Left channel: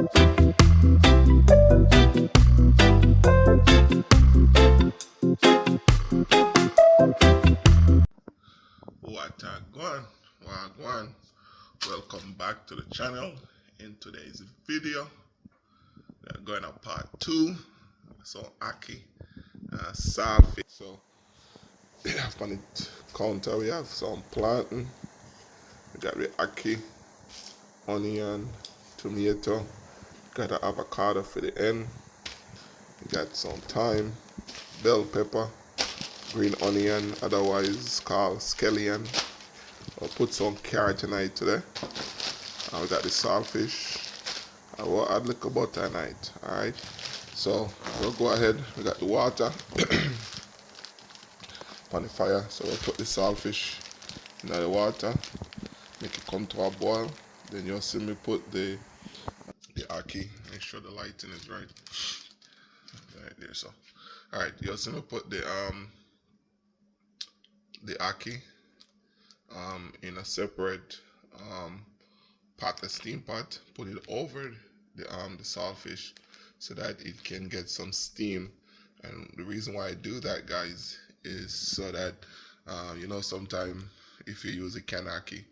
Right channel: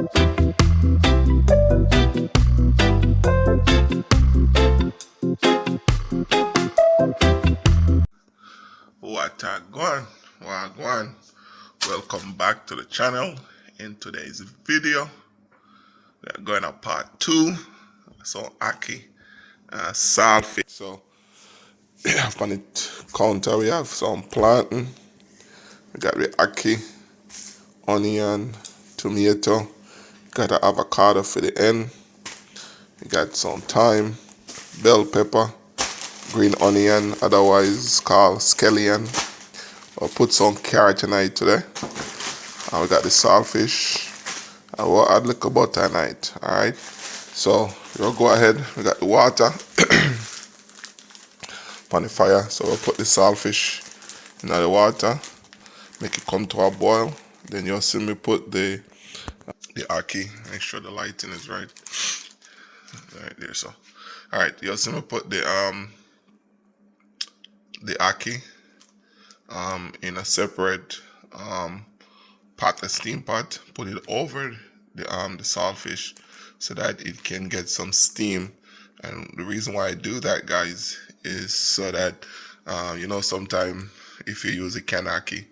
What a going? Wagwan. Welcome back to the channel. In today's video, we're going to part 2. So Ackee Saltfish. So up on the counter we have some plantain. We got the Ackee, onion, tomato. Got the avocado for the end. We got some thyme, bell pepper, green onion, otherwise called scallion. I'll put some carrot tonight today. And we got the saltfish. I will add a little butter tonight. Alright. So we'll go ahead. We got the water on the fire. So we'll put the saltfish in the water. Make it come to a boil. Then you'll see me put the Ackee. Make sure the lighting is right. Right there. So alright, you'll see me put the Ackee in a separate pot, a steam pot, put it over the saltfish so that it can get some steam. And the reason why I do that, guys, is so that you know, sometimes if you use a can Ackee,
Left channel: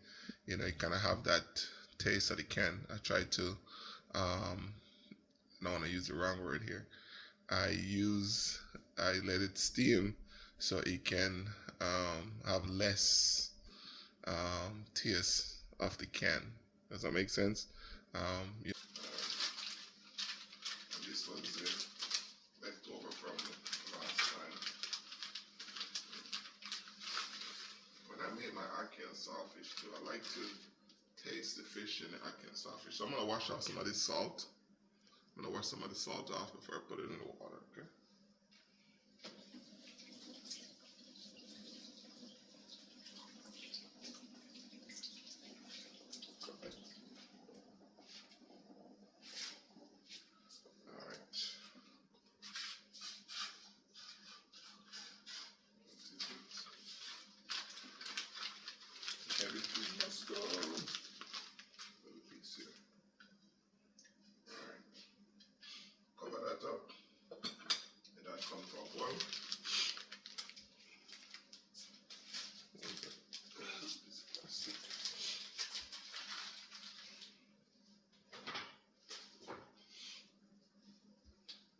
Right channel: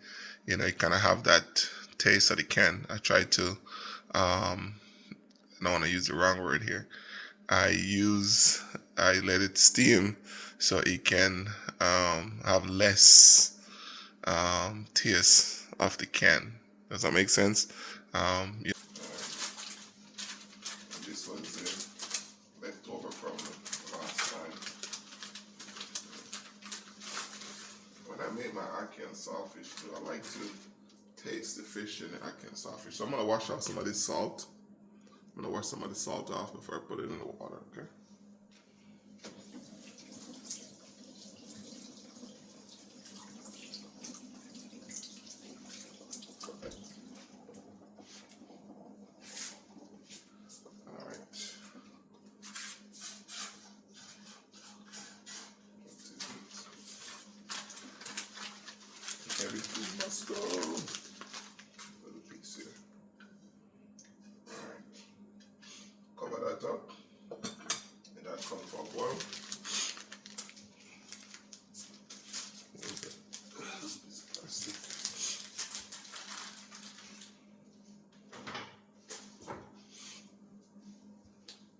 you know, you kind of have that taste of the can. I try to I don't want to use the wrong word here. I let it steam so it can have less taste of the can. Does that make sense? Yeah. This one's left over from the last time. When I made my Ackee and Saltfish too, I like to taste the fish in the Ackee and Saltfish. So I'm gonna wash off some of this salt. I'm gonna wash some of the salt off before I put it in the water, okay? Everything must go. Little piece here. Alright. Cover that up. And that comes for a boil.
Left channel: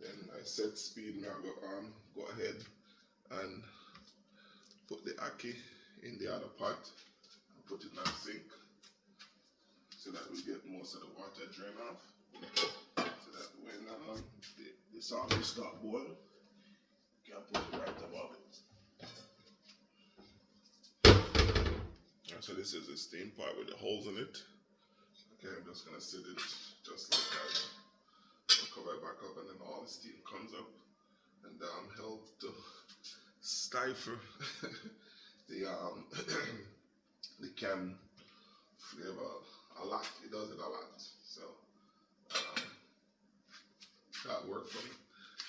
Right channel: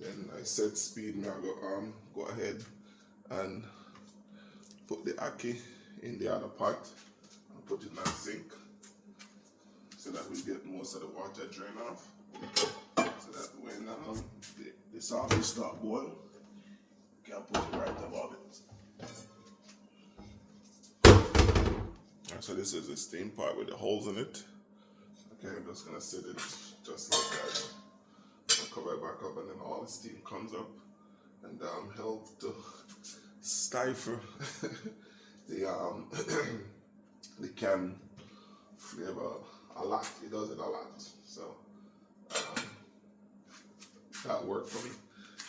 Then I set speed. Now go ahead and put the Ackee in the other pot. Put it in that sink so that we get most of the water drain off. So that when the saltfish start boil, you can put it right above it. Right, so this is the steam pot with the holes in it. Okay, I'm just gonna set it just like that. I'll cover it back up, and then all the steam comes up and help to stifle the the can flavor a lot. It does it a lot. So that worked for me.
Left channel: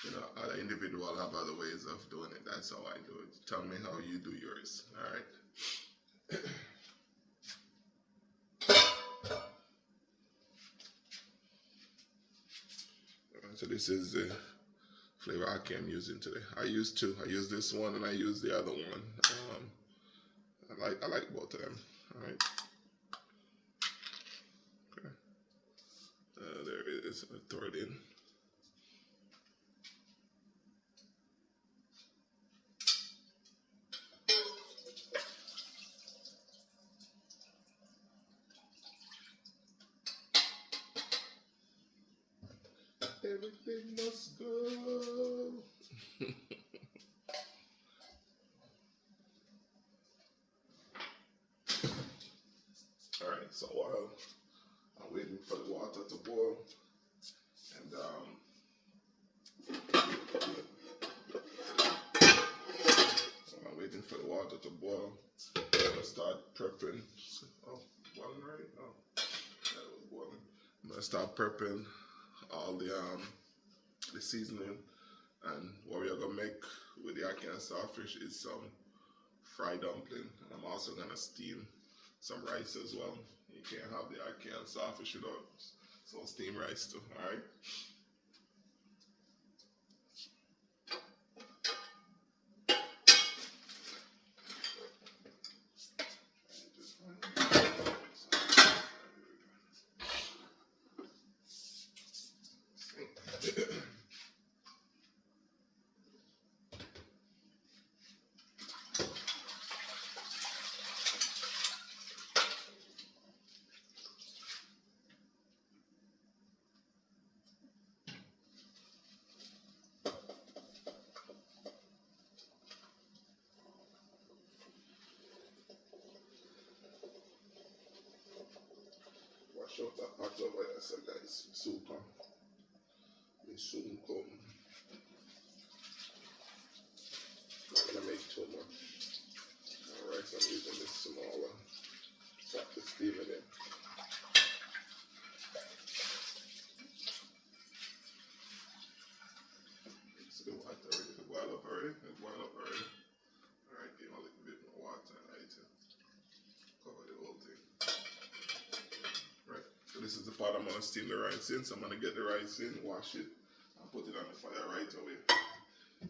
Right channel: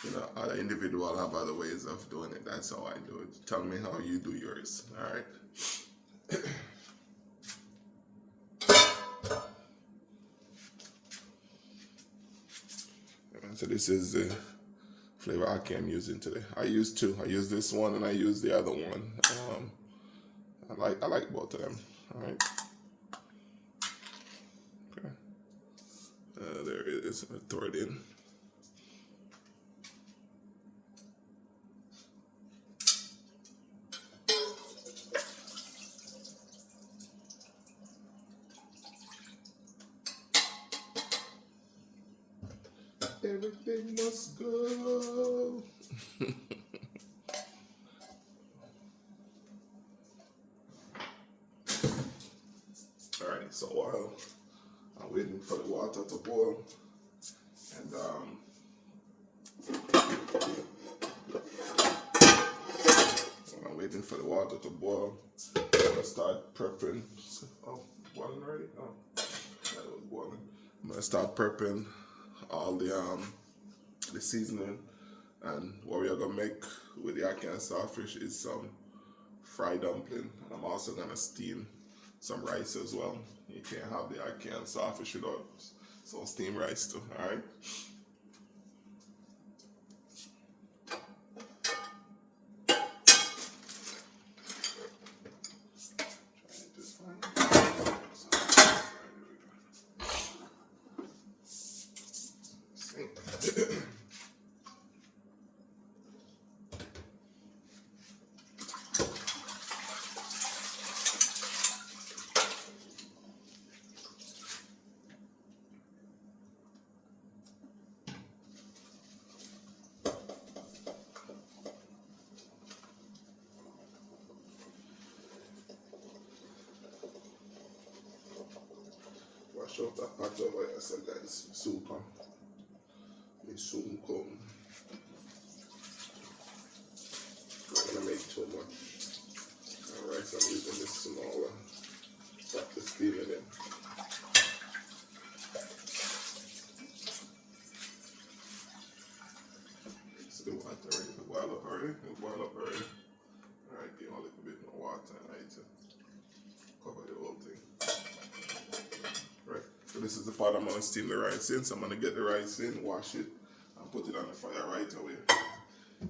You know, other individuals have other ways of doing it. That's how I do it. Tell me how you do yours. All right. So this is the flavor Ackee I'm using today. I use two. I use this one and I use the other one. I like both of them. All right. Okay. There it is. I throw it in. Everything must go. Alright, so while I'm waiting for the water to boil, and while I'm waiting for the water to boil, I'm gonna start prepping. Oh, boiling already? Oh, that was boiling. I'm gonna start prepping all the seasoning, and what we are gonna make with the Ackee and Saltfish is some fried dumpling. And I'm also gonna steam some rice as well. You can't have the Ackee and Saltfish without So steamed rice too, alright? Wash out that pot over here, so guys, soon come. It soon come. Not gonna make too much. Alright, so I'm using this smaller. Start the steaming in. So the water ready to boil up already. It boil up already. Alright, give a little bit more water and I need to cover the whole thing. Right, so this is the pot I'm gonna steam the rice in. So I'm gonna get the rice in, wash it, and put it on the fire right away.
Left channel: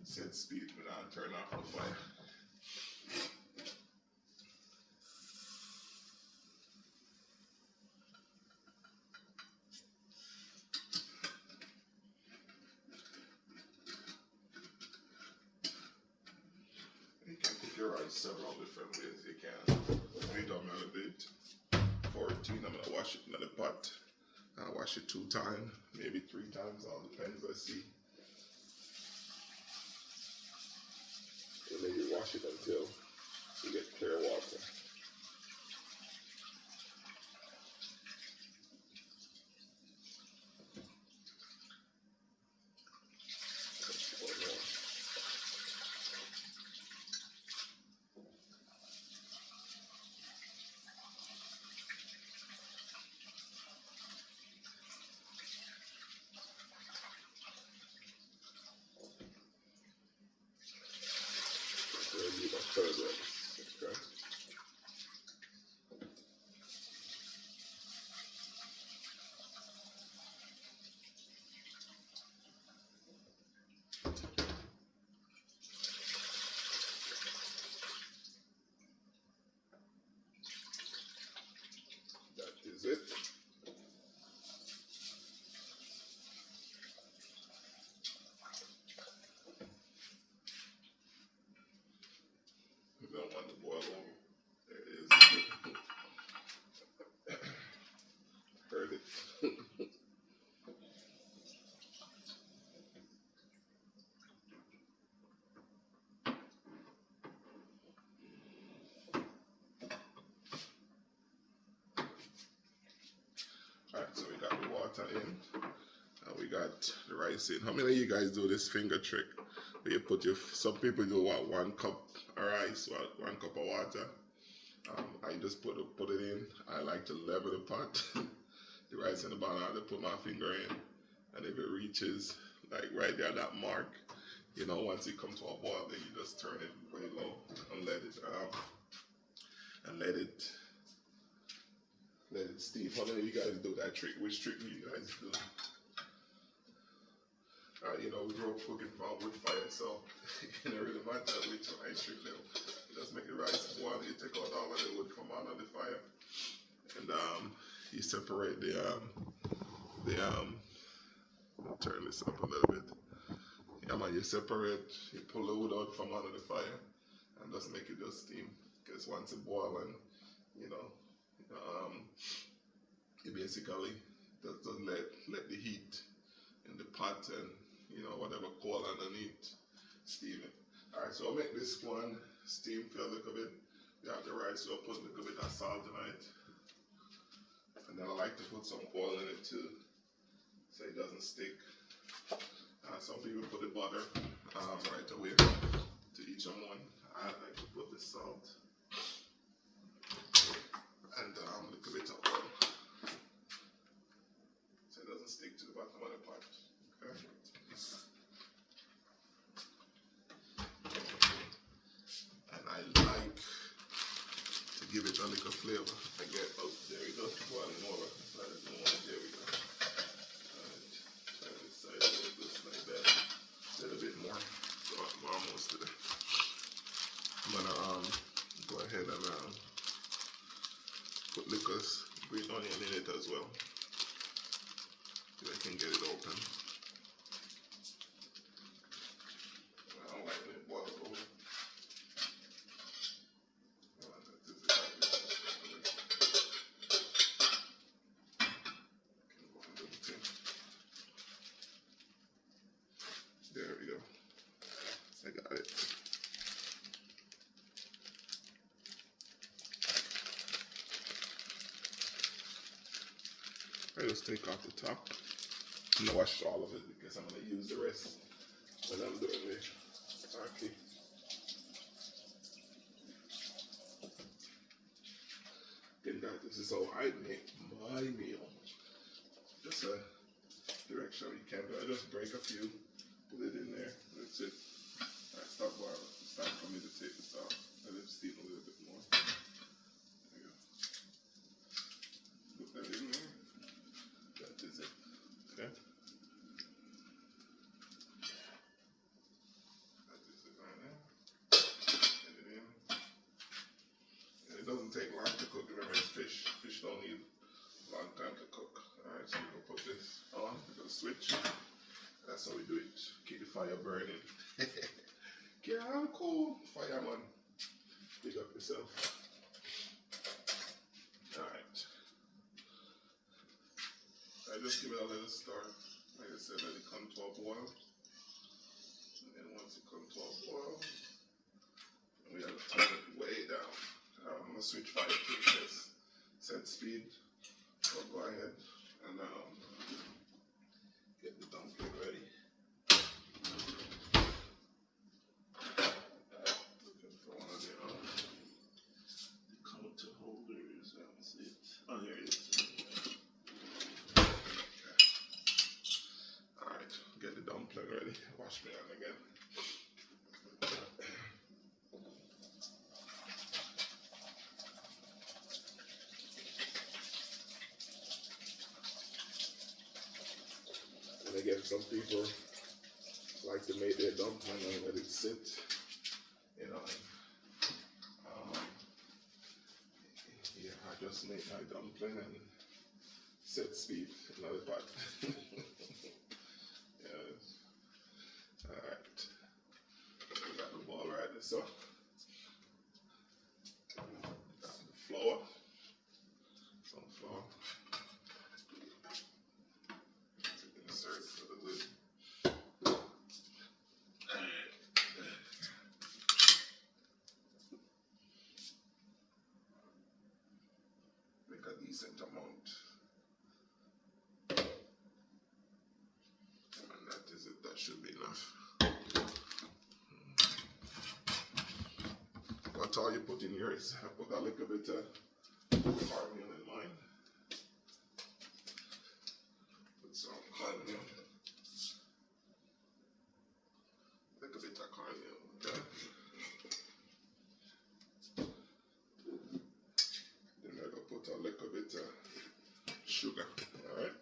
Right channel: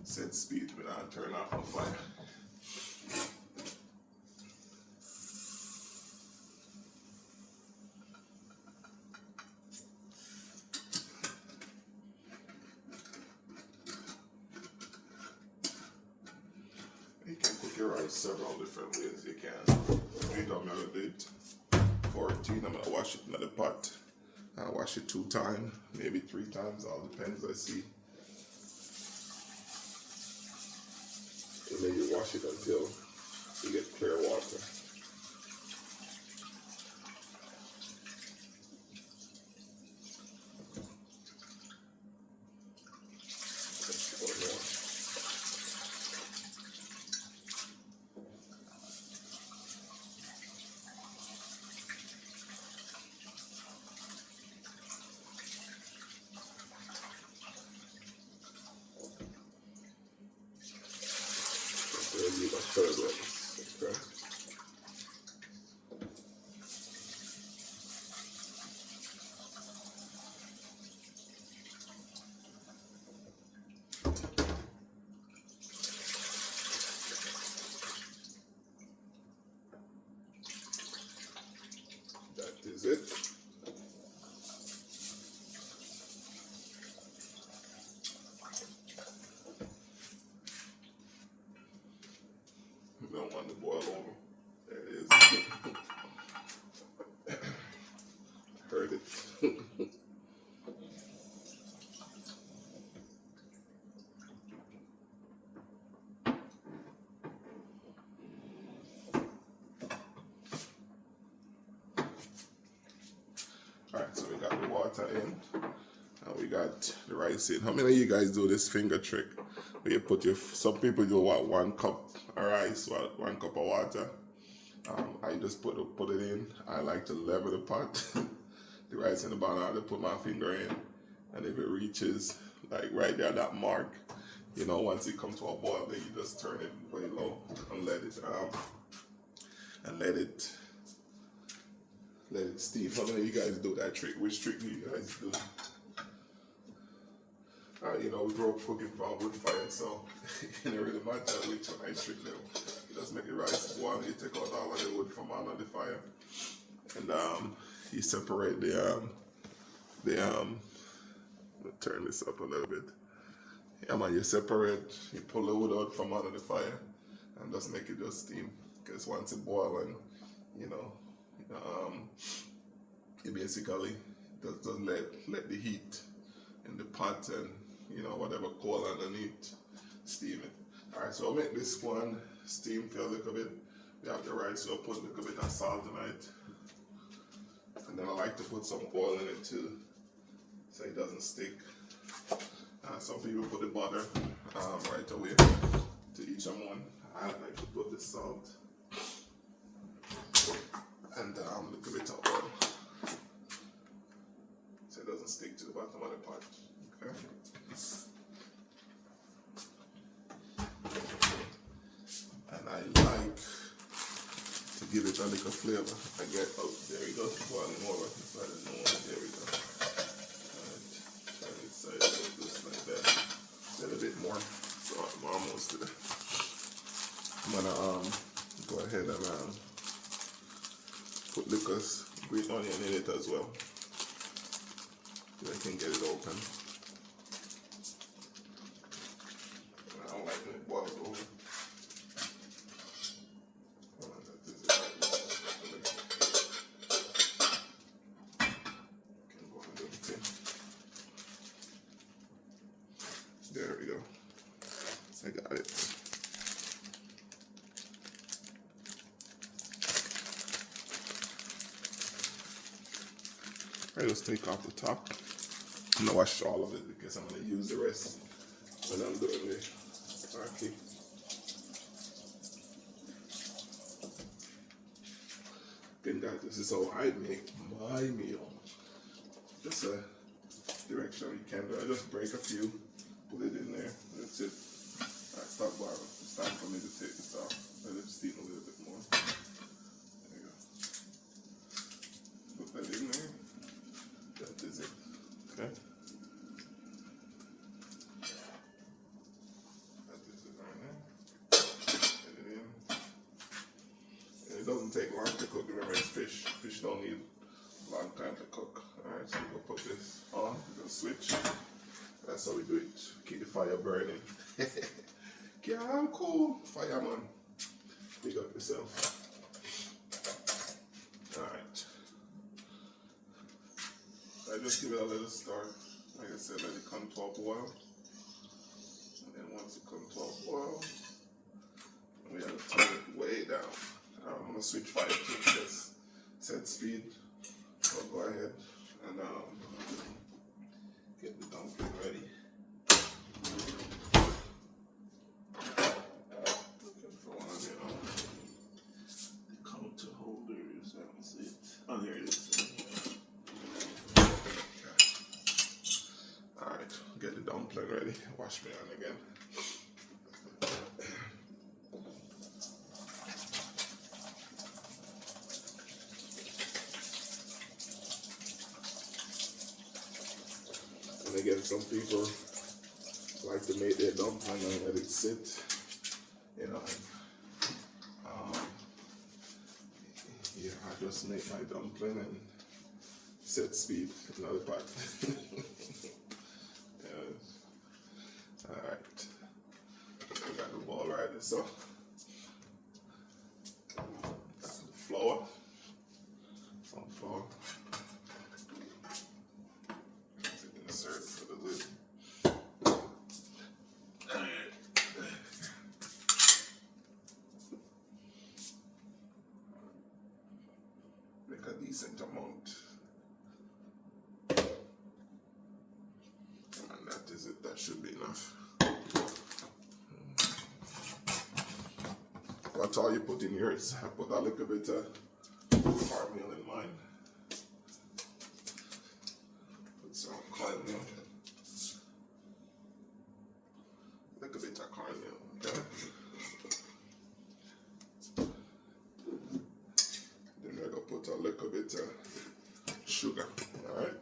Set speed, but I'll turn off the fire. You can cook your rice several different ways. You can do it on melody 14. I'm gonna wash it in the pot. I'll wash it 2 times, maybe 3 times, all depends. Let's see. And then you wash it until you get clear water. Need a third one. Okay. That is it. You don't want to boil over. There it is. Heard it. Alright, so we got the water in. And we got the rice in. How many of you guys do this finger trick? Where you put your, some people do what, 1 cup of rice, 1 cup of water. I just put it in. I like to level the pot. The rice in the bottom, I just put my finger in. And if it reaches like right there, that mark, you know, once it comes to a boil, then you just turn it very low and let it steam. How many of you guys do that trick? Which trick do you guys do? You know, we grew up cooking from wood fire, so it don't really matter which one I trick them. You just make the rice boil, you take out all of the wood from under the fire. And you separate I'll turn this up a little bit. Yeah man, you pull the wood out from under the fire and just make it just steam. Because once it boils and, you know, it basically just let the heat in the pot and, you know, whatever coal underneath, steam it. Alright, so I'll make this one steam for a little bit. We have the rice, so I'll put a little bit of salt in it. And then I like to put some oil in it too, so it doesn't stick. Some people put the butter right away, to each one. I like to put the salt and a little bit of oil, so it doesn't stick to the bottom of the pot. Okay. And I like to give it a little flavor. I get, oh, there we go, boiling over. There we go. green onion in it as well. So I can get it open. I don't like it boiled over. There we go. I got it. I just take off the top. I'm gonna wash all of it because I'm gonna use the rest when I'm doing the ackee. Again, guys, this is how I make my meal. Just a direction you can do. I just break a few, put it in there. That's it. Alright, stop boiling. It's time for me to take this off. Let it steam a little bit more. There you go. Put that in there. That is it. Okay. That is it right there. Get it in. And it doesn't take long to cook. Remember, it's fish. Fish don't need a long time to cook. Alright, so we'll put this on. We're gonna switch. That's how we do it. Keep the fire burning. Yeah, I'm cool. Fireman. Pick up yourself. Alright. I just give it a little stir. Like I said, let it come to a boil. And then once it comes to a boil, we have to turn it way down. I'm going to switch fire to this. Set speed. So go ahead and get the dumpling ready. Looking for one of the counter holders. I don't see it. Oh, here it is. Alright, get the dumpling ready. Wash me on again. And again, some people like to make their dumpling and let it sit, you know. Yeah, I just make my dumpling and set speed in another pot. Yes. Alright. I got the ball right there, so got the flour. Some flour. Insert it for the lid. Make a decent amount. And that is it. That should be enough. That's all you put in yours. I put a little bit of cornmeal in mine. Put some cornmeal. A little bit of cornmeal. Okay. Then I'm gonna put a little bit of sugar. Alright?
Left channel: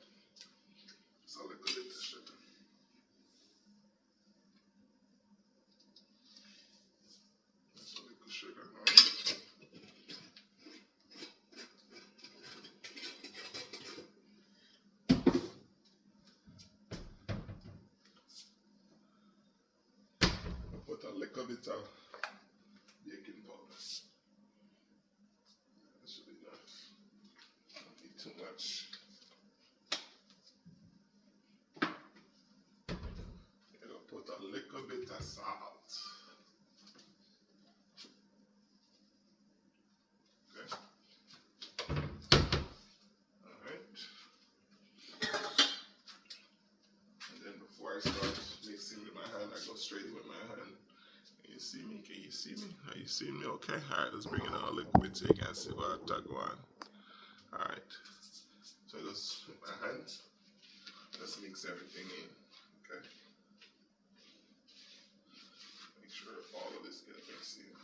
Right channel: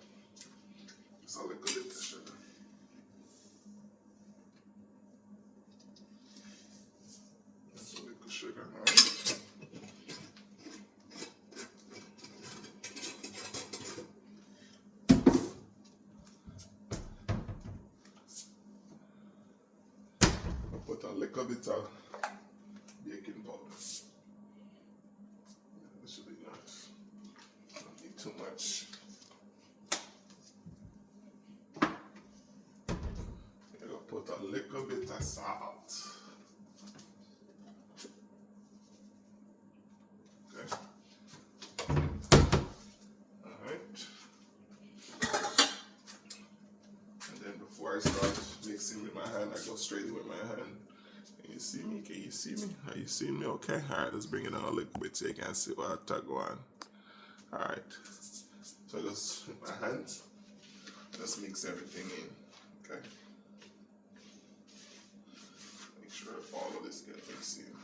Just a little bit of sugar. That's a little sugar, alright? Put a little bit of baking powder. That should be nice. Don't need too much. You're gonna put a little bit of salt. Okay. Alright. And then before I start mixing with my hand, I go straight with my hand. Can you see me? Can you see me? Are you seeing me okay? Alright, let's bring it on a little bit so you can see what I go on. Alright. So just with my hand, just mix everything in. Okay. Make sure all of this gets mixed in.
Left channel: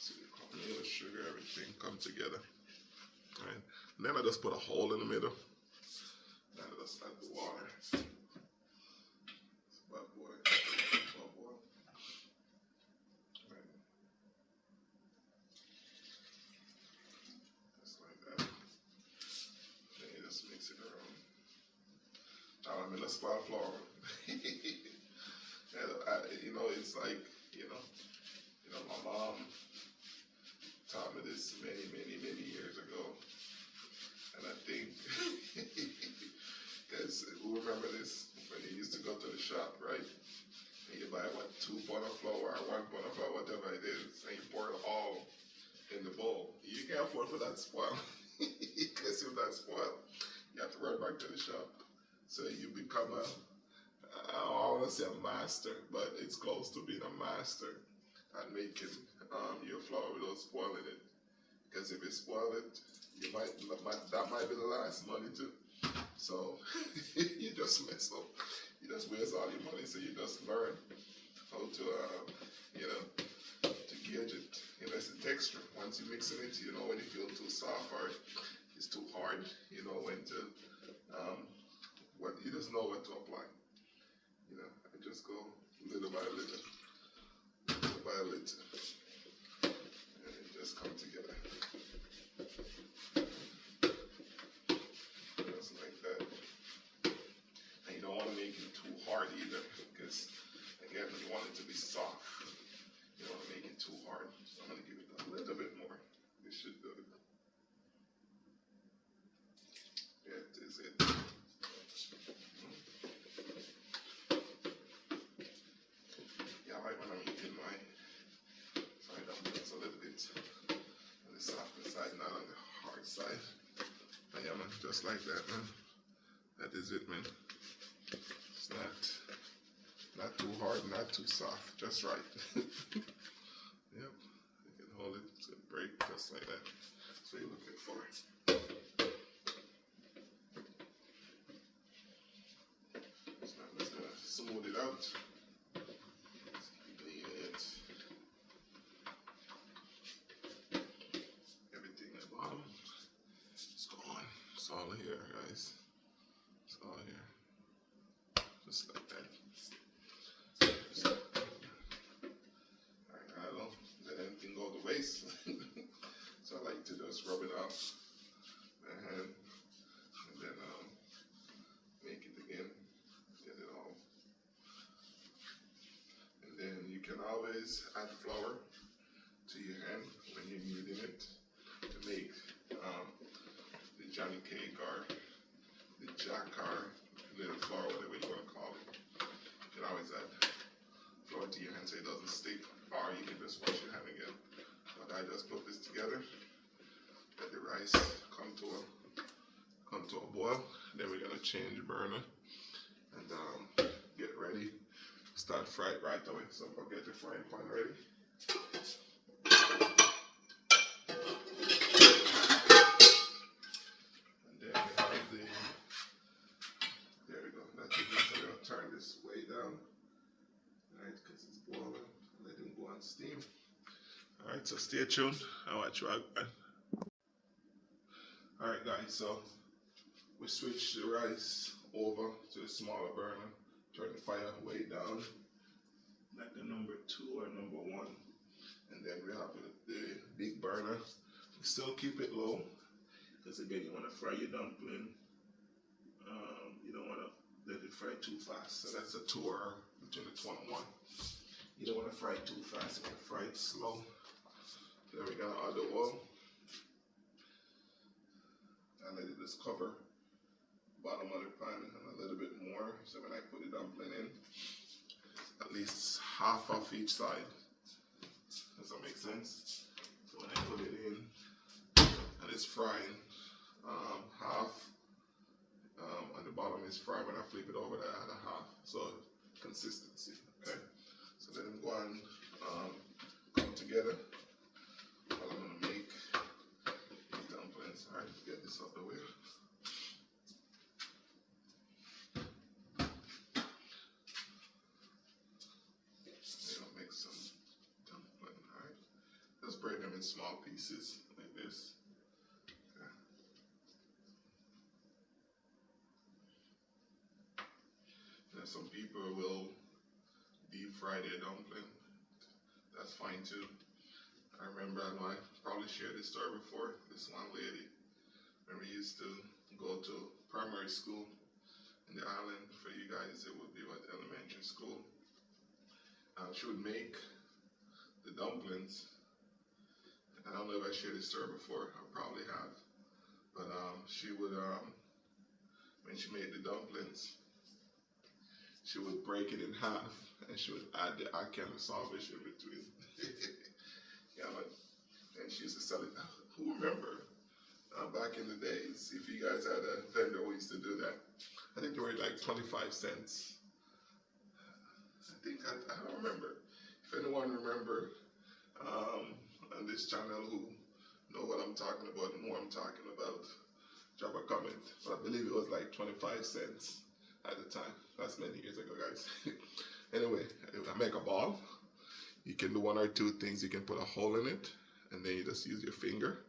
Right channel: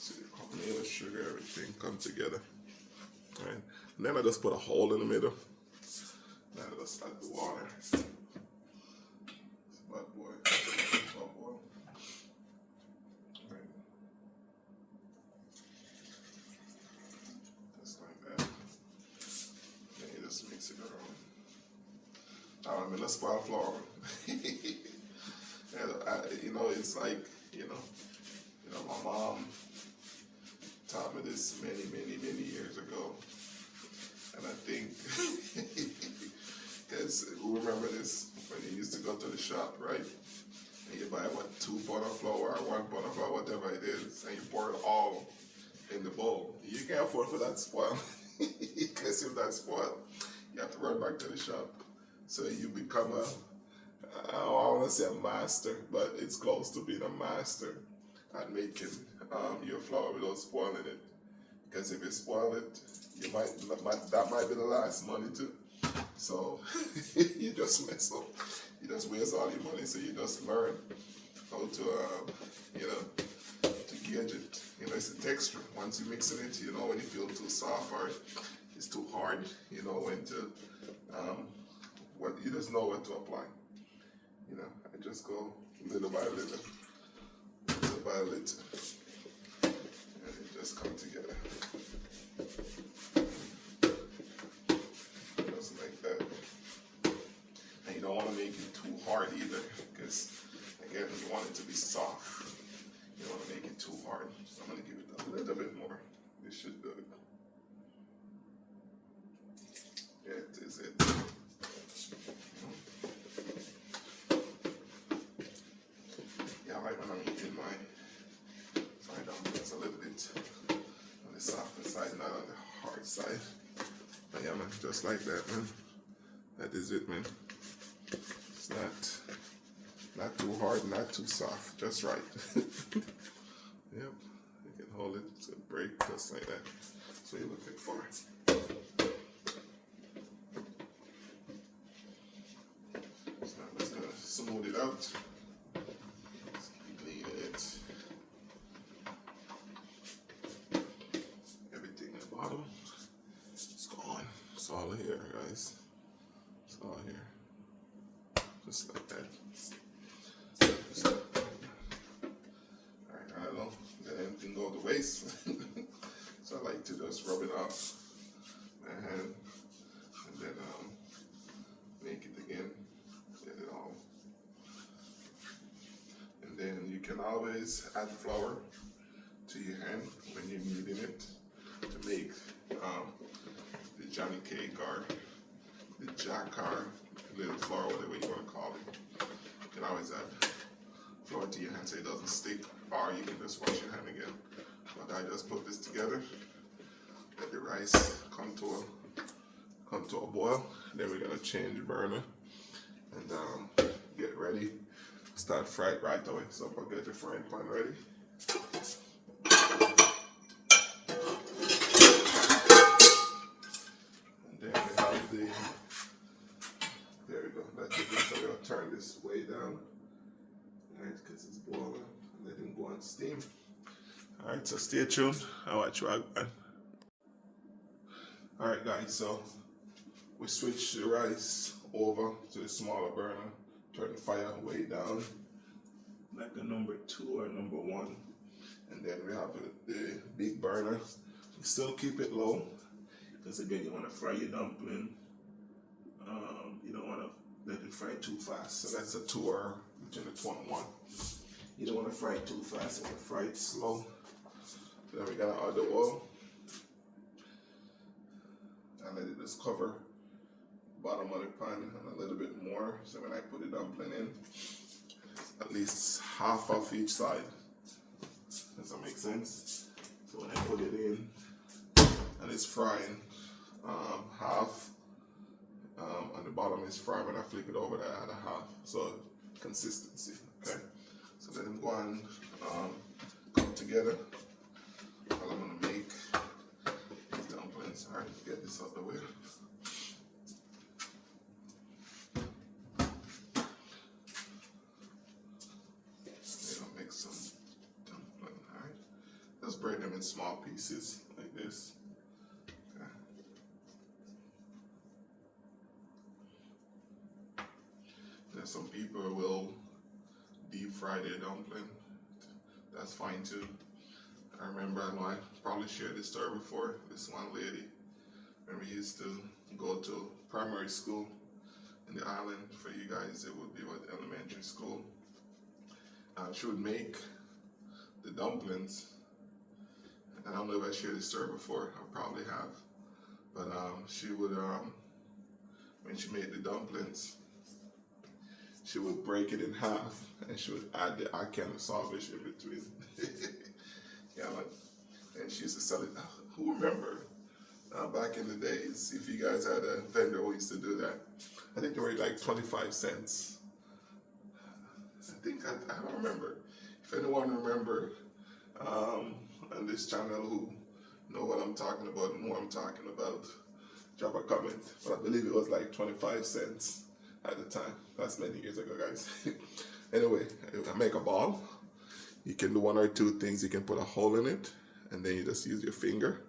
So the cornmeal, sugar, everything come together. Alright. And then I just put a hole in the middle. Then I just add the water. It's about boil. spoiled flour. And you know, it's like, my mom taught me this many years ago. And I think, because who remember this when you used to go to the shop, right? And you buy, what, 2 pounds of flour or 1 pound of flour, whatever it is, and you pour it all in the bowl. You can't afford for that spoil. Because if that's spoiled, you have to run back to the shop. So you become I don't want to say a master, but it's close to being a master at making your flour without spoiling it. Because if you spoil it, that might be the last money too. So you just mess up. You just waste all your money. So you just learn how to, to gauge it. It's a texture. Once you mix it, you know when you feel too soft or it's too hard. You know when to, you just know what to apply. I just go little by little, and it just comes together. Just like that. And you don't want to make it too hard either, because again, you want it to be soft. You don't want to make it too hard. So I'm going to give it a little bit more. This should do it. That is it. Yeah, I like when I'm eating my fried dumplings a little bit on the softer side, not on the hard side. But yeah, man, just like that, man. That is it, man. It's not too hard, not too soft, just right. Yep, you can hold it to break just like that. That's what you're looking for. So I'm just gonna smooth it out. Just keep kneading it. Everything at the bottom. It's gone. It's all here, guys. It's all here. Just like that. Just like that. Alright, I don't let anything go to waste. So I like to just rub it off my hand and then make it again. Get it all. And then you can always add flour to your hand when you're kneading it to make the Johnny cake or the jack or little flour, whatever you want to call it. You can always add flour to your hand so it doesn't stick, or you can just wash your hand again. But I just put this together, let the rice come to a boil. Then we're gonna change the burner and get ready. Start fry it right away. So get the frying pan ready. And then we have there we go. That's it. So we'll turn this way down. Alright, because it's boiling. Let him go on steam. Alright, so stay tuned. I'll watch you again. Alright guys, so we switch the rice over to the smaller burner. Turn the fire way down, like a number 2 or number 1. And then we have the big burner. Still keep it low, because again, you want to fry your dumpling. You don't want to let it fry too fast. So that's a 2 or between the 2 and 1. You don't want to fry it too fast. You want to fry it slow. Then we're gonna add the oil. And let it just cover the bottom of the pan and a little bit more. So when I put the dumpling in, at least half of each side. Does that make sense? So when I put it in and it's frying, half and the bottom is fried. When I flip it over, I add a half. So consistency, okay? So let them go and come together. While I'm gonna make these dumplings. All right, get this out the way. We're gonna make some dumpling. All right, just break them in small pieces like this. Okay. Then some people will deep fry their dumpling. That's fine too. I remember, I know I probably shared this story before, this one lady, when we used to go to primary school in the island. For you guys, it would be what, elementary school. She would make the dumplings. And I don't know if I shared this story before. I probably have. But she would, when she made the dumplings, she would break it in half and she would add the Ackee and Saltfish in between. Yeah, like, and she used to sell it. Who remember back in the days, if you guys had a vendor who used to do that? I think they were like 25 cents. I don't remember. If anyone remember on this channel who know what I'm talking about and who I'm talking about, drop a comment. But I believe it was like 25 cents at the time. That's many years ago, guys. Anyway, I make a ball. You can do one or two things. You can put a hole in it, and then you just use your finger,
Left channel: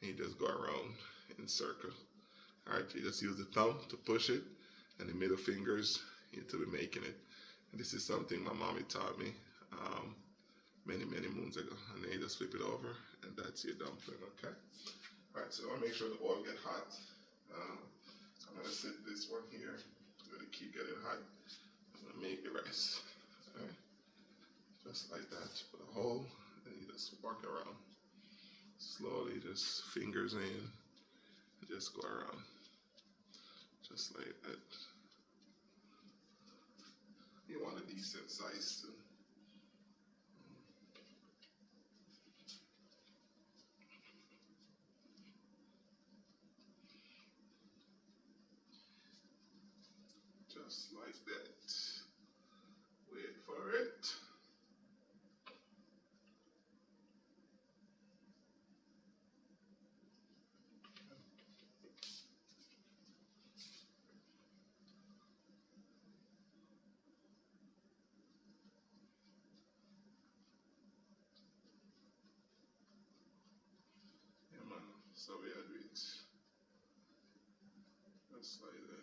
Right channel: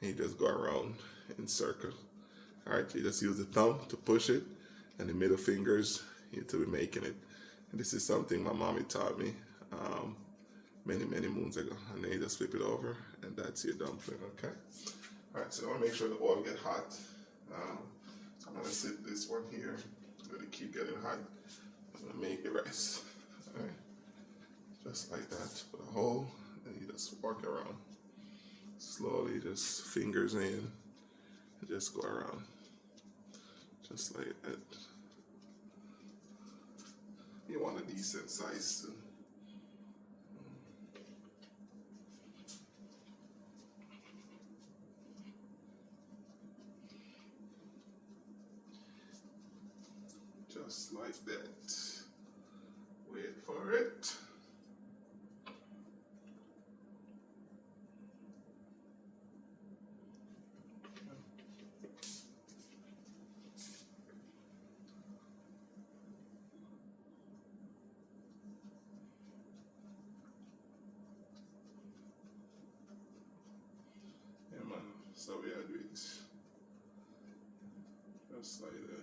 and you just go around in circle. All right, you just use the thumb to push it, and the middle fingers to be making it. And this is something my mommy taught me many moons ago. And then you just flip it over, and that's your dumpling. Okay. All right, so I want to make sure the oil get hot. So I'm gonna sit this one here. Let it keep getting hot. I'm gonna make the rest. All right, just like that. Put a hole, and you just walk around slowly. Just fingers in, and just go around, just like that. You want a decent size too. Just like that. Wait for it. Yeah, man. So we are doing it. Just like that.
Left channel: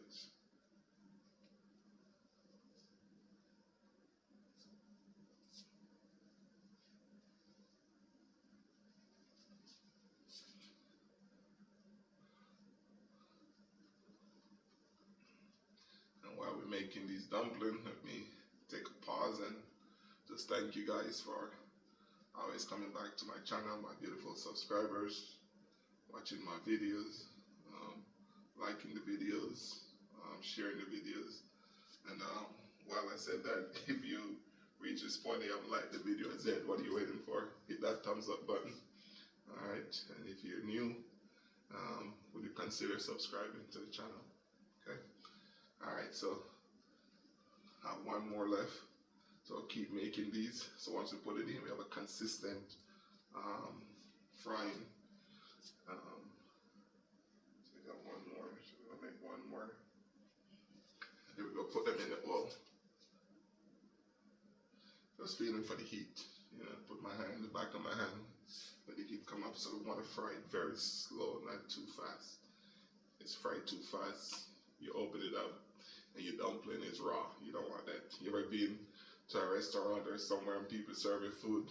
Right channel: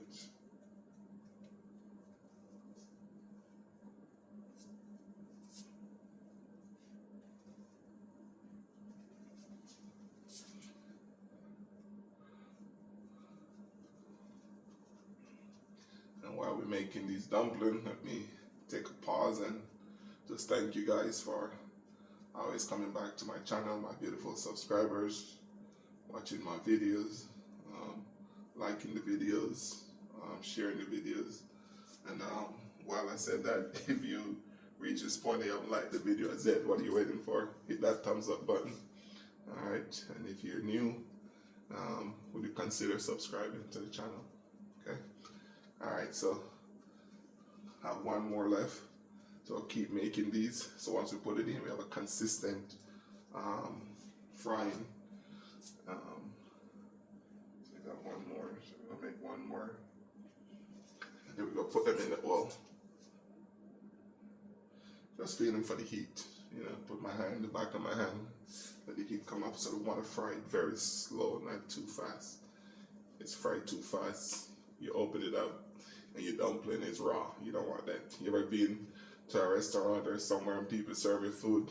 And while we're making these dumplings, let me take a pause and just thank you guys for always coming back to my channel, my beautiful subscribers, watching my videos, liking the videos, sharing the videos. And while I said that, if you reach this point and you haven't liked the video, I said, what are you waiting for? Hit that thumbs up button. All right, and if you're new, would you consider subscribing to the channel? Okay. All right, so I have one more left. So I'll keep making these. So once we put it in, we have a consistent frying. So I got one more. So I'm gonna make one more. And then we're gonna put them in the oil. Just feeling for the heat. You know, put my hand in the back of my hand, let the heat come up. So we want to fry it very slow, not too fast. It's fried too fast, you open it up and your dumpling is raw. You don't want that. You ever been to a restaurant or somewhere and people serve you food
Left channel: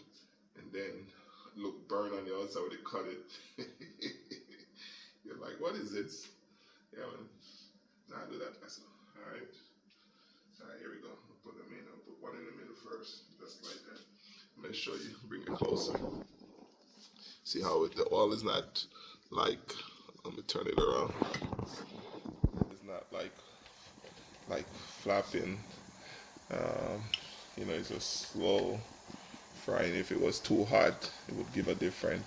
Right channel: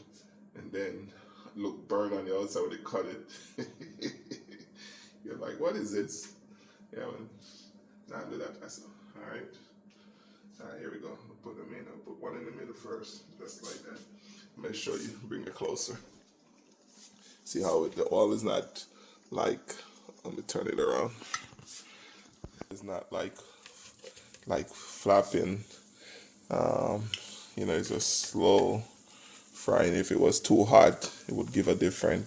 and then look burnt on the outside when they cut it? You're like, what is this? Yeah, man. Now do that myself. All right. All right, here we go. We'll put them in. I'll put one in the middle first, just like that. Make sure you bring it closer. See how the oil is not like, let me turn it around. It's not like flapping. You know, it's just slow frying. If it was too hot, it would give a different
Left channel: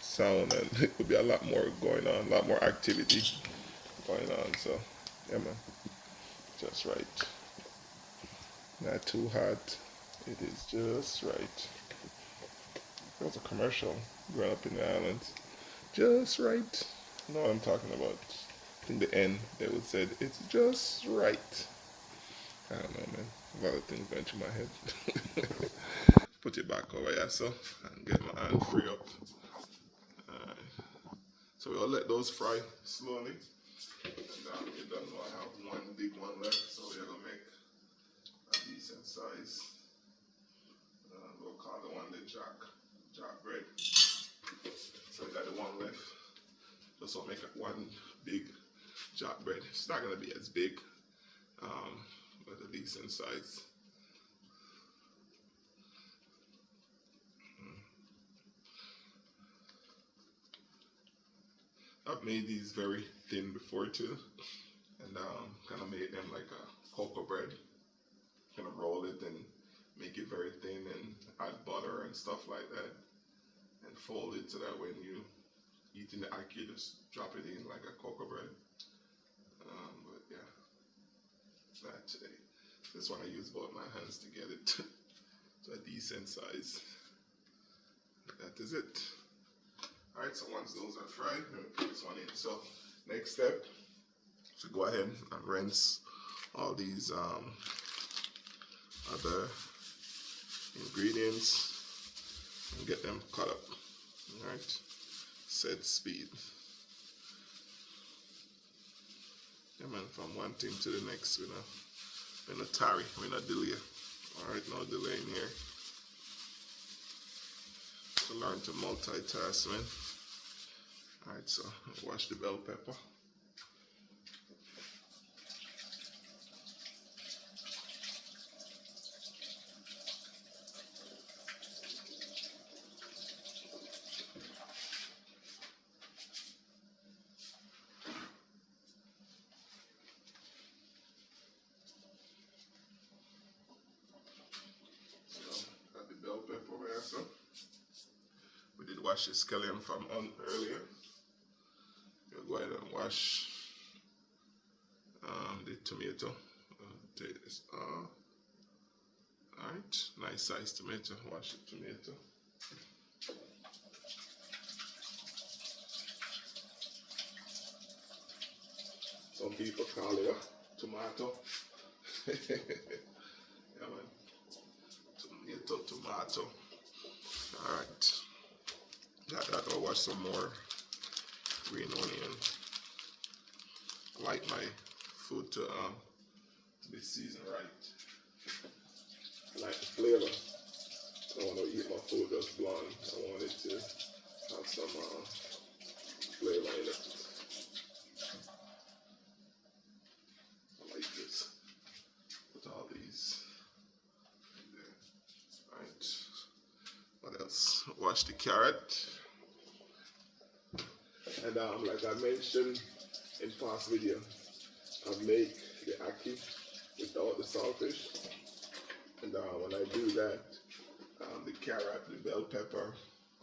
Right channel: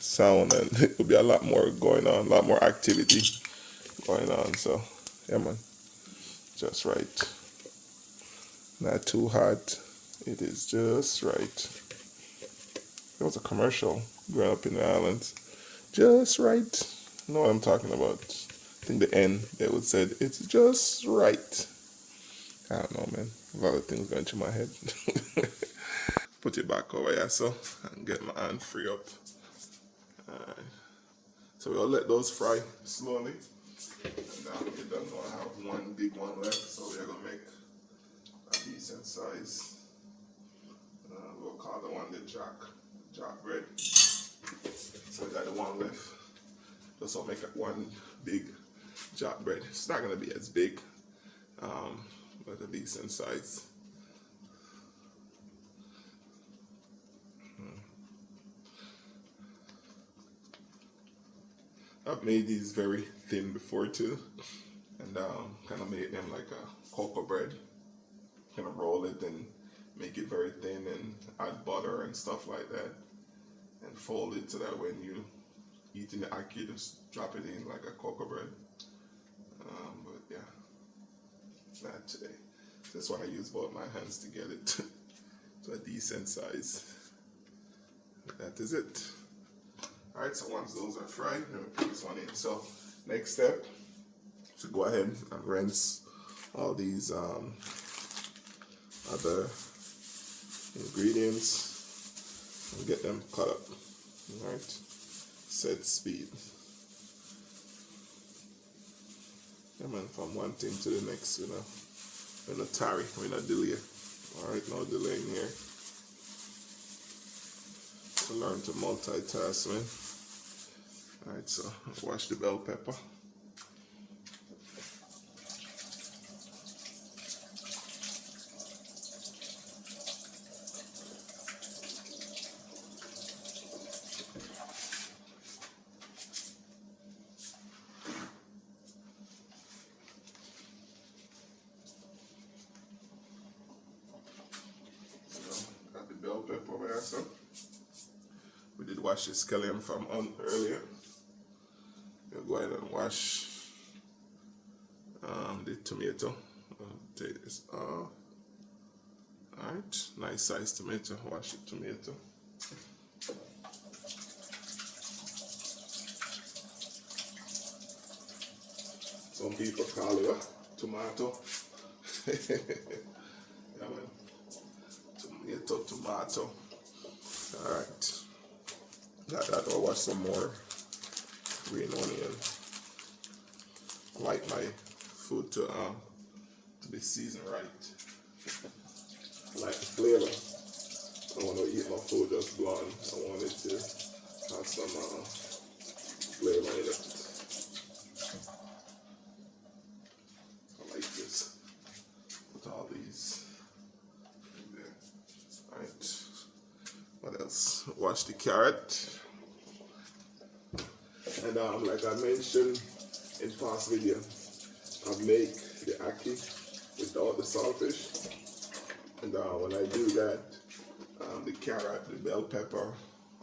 sound, and it would be a lot more going on, a lot more activity going on. So yeah, man, just right. Not too hot. It is just right. There was a commercial growing up in the islands. Just right. You know what I'm talking about. I think the end, they would say, it's just right. I don't know, man. A lot of things going through my head. Put it back over here, so, and get my hand free up. Alright. So we'll let those fry slowly. And you don't know, I have one big one left, so we're going to make a decent size. We'll call the one the jack bread. So we got the one left. Just so make it one big job bread. It's not gonna be as big, but a decent size. I've made these very thin before too, and kind of made them like a cocoa bread. Kind of roll it and make it very thin and add butter and stuff like that, and fold it so that when you eating the ackee, just drop it in like a cocoa bread. But yeah, that today. That's why I use both my hands to get it to a decent size. That is it. Alright, so once those are fried, I'm going to put this one in. So next step, so go ahead and rinse all these other ingredients and get them cut up. Alright, set speed. Yeah man, from one thing to the next, we're not tarry, we're not delay. Alright, no delay in here. So learn to multitask, man. Alright, so wash the bell pepper. Got the bell pepper over there, so we did wash the scallion from earlier. We'll go ahead and wash the tomato. Take this off. Alright, nice sized tomato. Wash the tomato. Some people call it a tomato. Yeah, man. Tomato. Alright. Got that. I'll wash some more green onion. I like my food to be seasoned right. I like the flavor. I don't want to eat my food just blonde. I want it to have some flavor in it. I like this. Put all these in there. Alright. What else? Wash the carrot. And like I mentioned in past video, I make the ackee without the saltfish. And when I do that, the carrot, the bell pepper,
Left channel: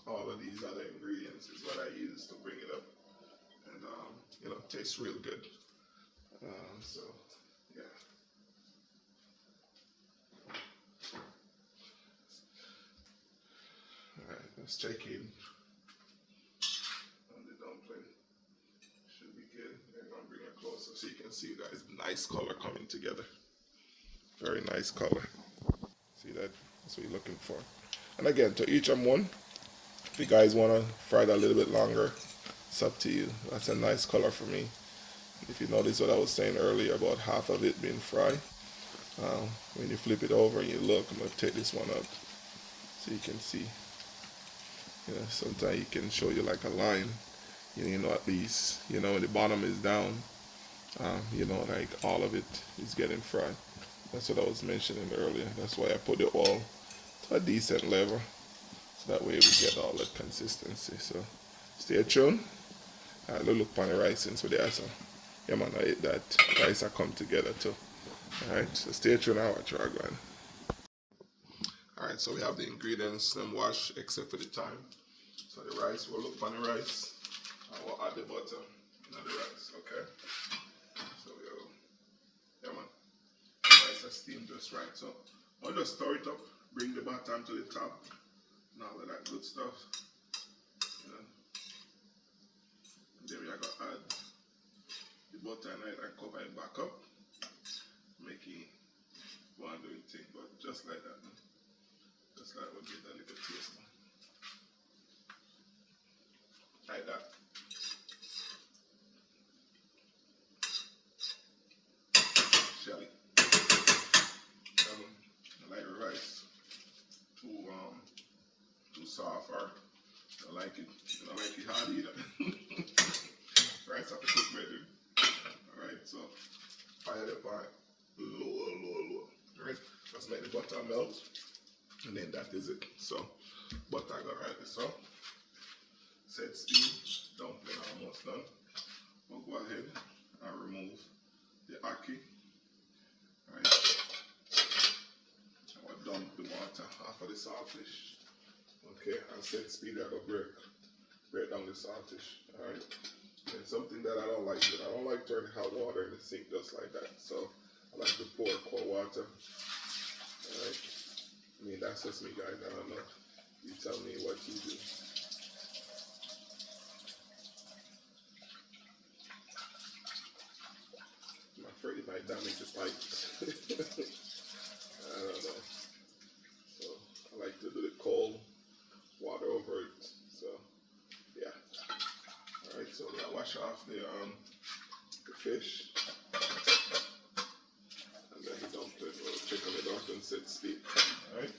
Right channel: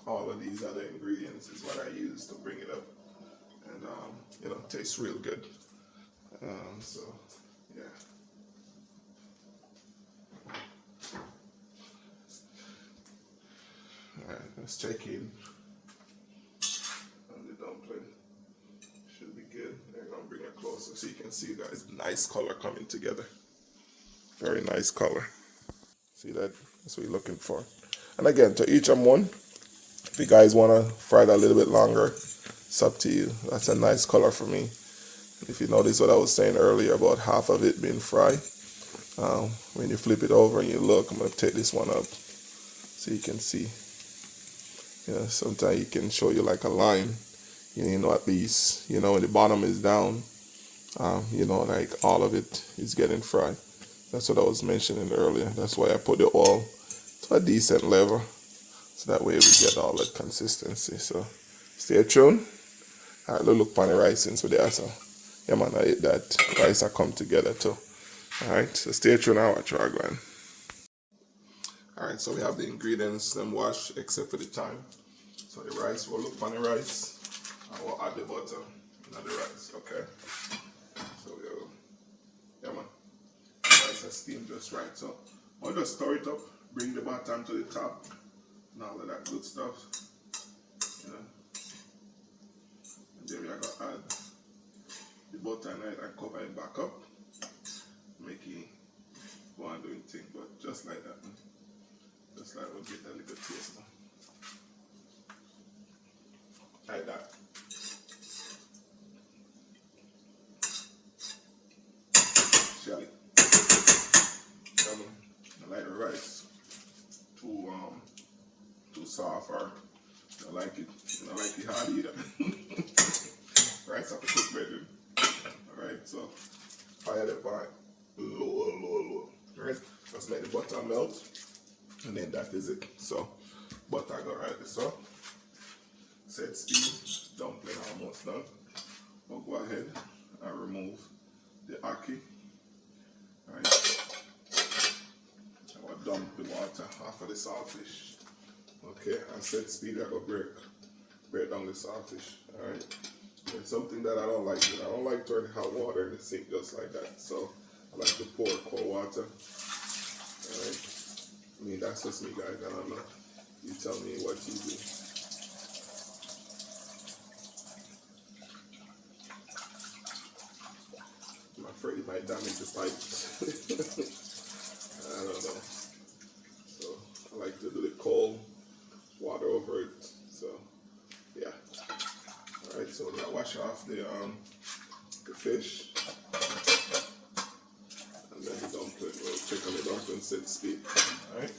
all of these other ingredients is what I use to bring it up. And you know, it tastes real good. So yeah. Alright, let's check in. So you can see that it's nice color coming together. Very nice color. See that? That's what you're looking for. And again, to each one, if you guys want to fry it a little bit longer, it's up to you. That's a nice color for me. If you notice what I was saying earlier about half of it being fried, when you flip it over and you look, I'm going to take this one up so you can see. You know, sometimes it can show you like a line. You know, at least, you know, when the bottom is down, you know, like all of it is getting fried. That's what I was mentioning earlier. That's why I put the oil to a decent level, so that way we get all that consistency. So stay tuned. Let's look on the rice since we're there. So yeah man, I ate that rice I come together too. Alright, so stay tuned now. I'll try going. Alright, so we have the ingredients them washed except for the thyme. So the rice, we'll look on the rice and we'll add the butter into the rice, okay? So we'll, yeah man, the rice is steamed just right. So I'll just stir it up, bring the bottom to the top, and all of that good stuff. You know. And then we are going to add the butter in it and cover it back up, making one doing thing, but just like that, man. Just like we'll get a little taste, man. Like that. Shelly. Come on. I like the rice. Too soft, or I like it. I like it hard either. Rice have to cook better. butter melt, and then that is it. So butter go right this up. Set speed, dumpling almost done. We'll go ahead and remove the ackee. Right. I will dump the water off of the saltfish. Okay, and set speed I go break down the saltfish. Alright. It's something that I don't like. I don't like throwing hot water in the sink just like that. So I like to pour cold water. Alright. I mean, that's just me, guys. I don't know. You tell me what you do. I'm afraid it might damage the pipes. I don't know. So I like to do the cold water over it. So yeah. Alright, so we're gonna wash off the fish. And then the dumpling, we'll check on the dumpling set speed. Alright.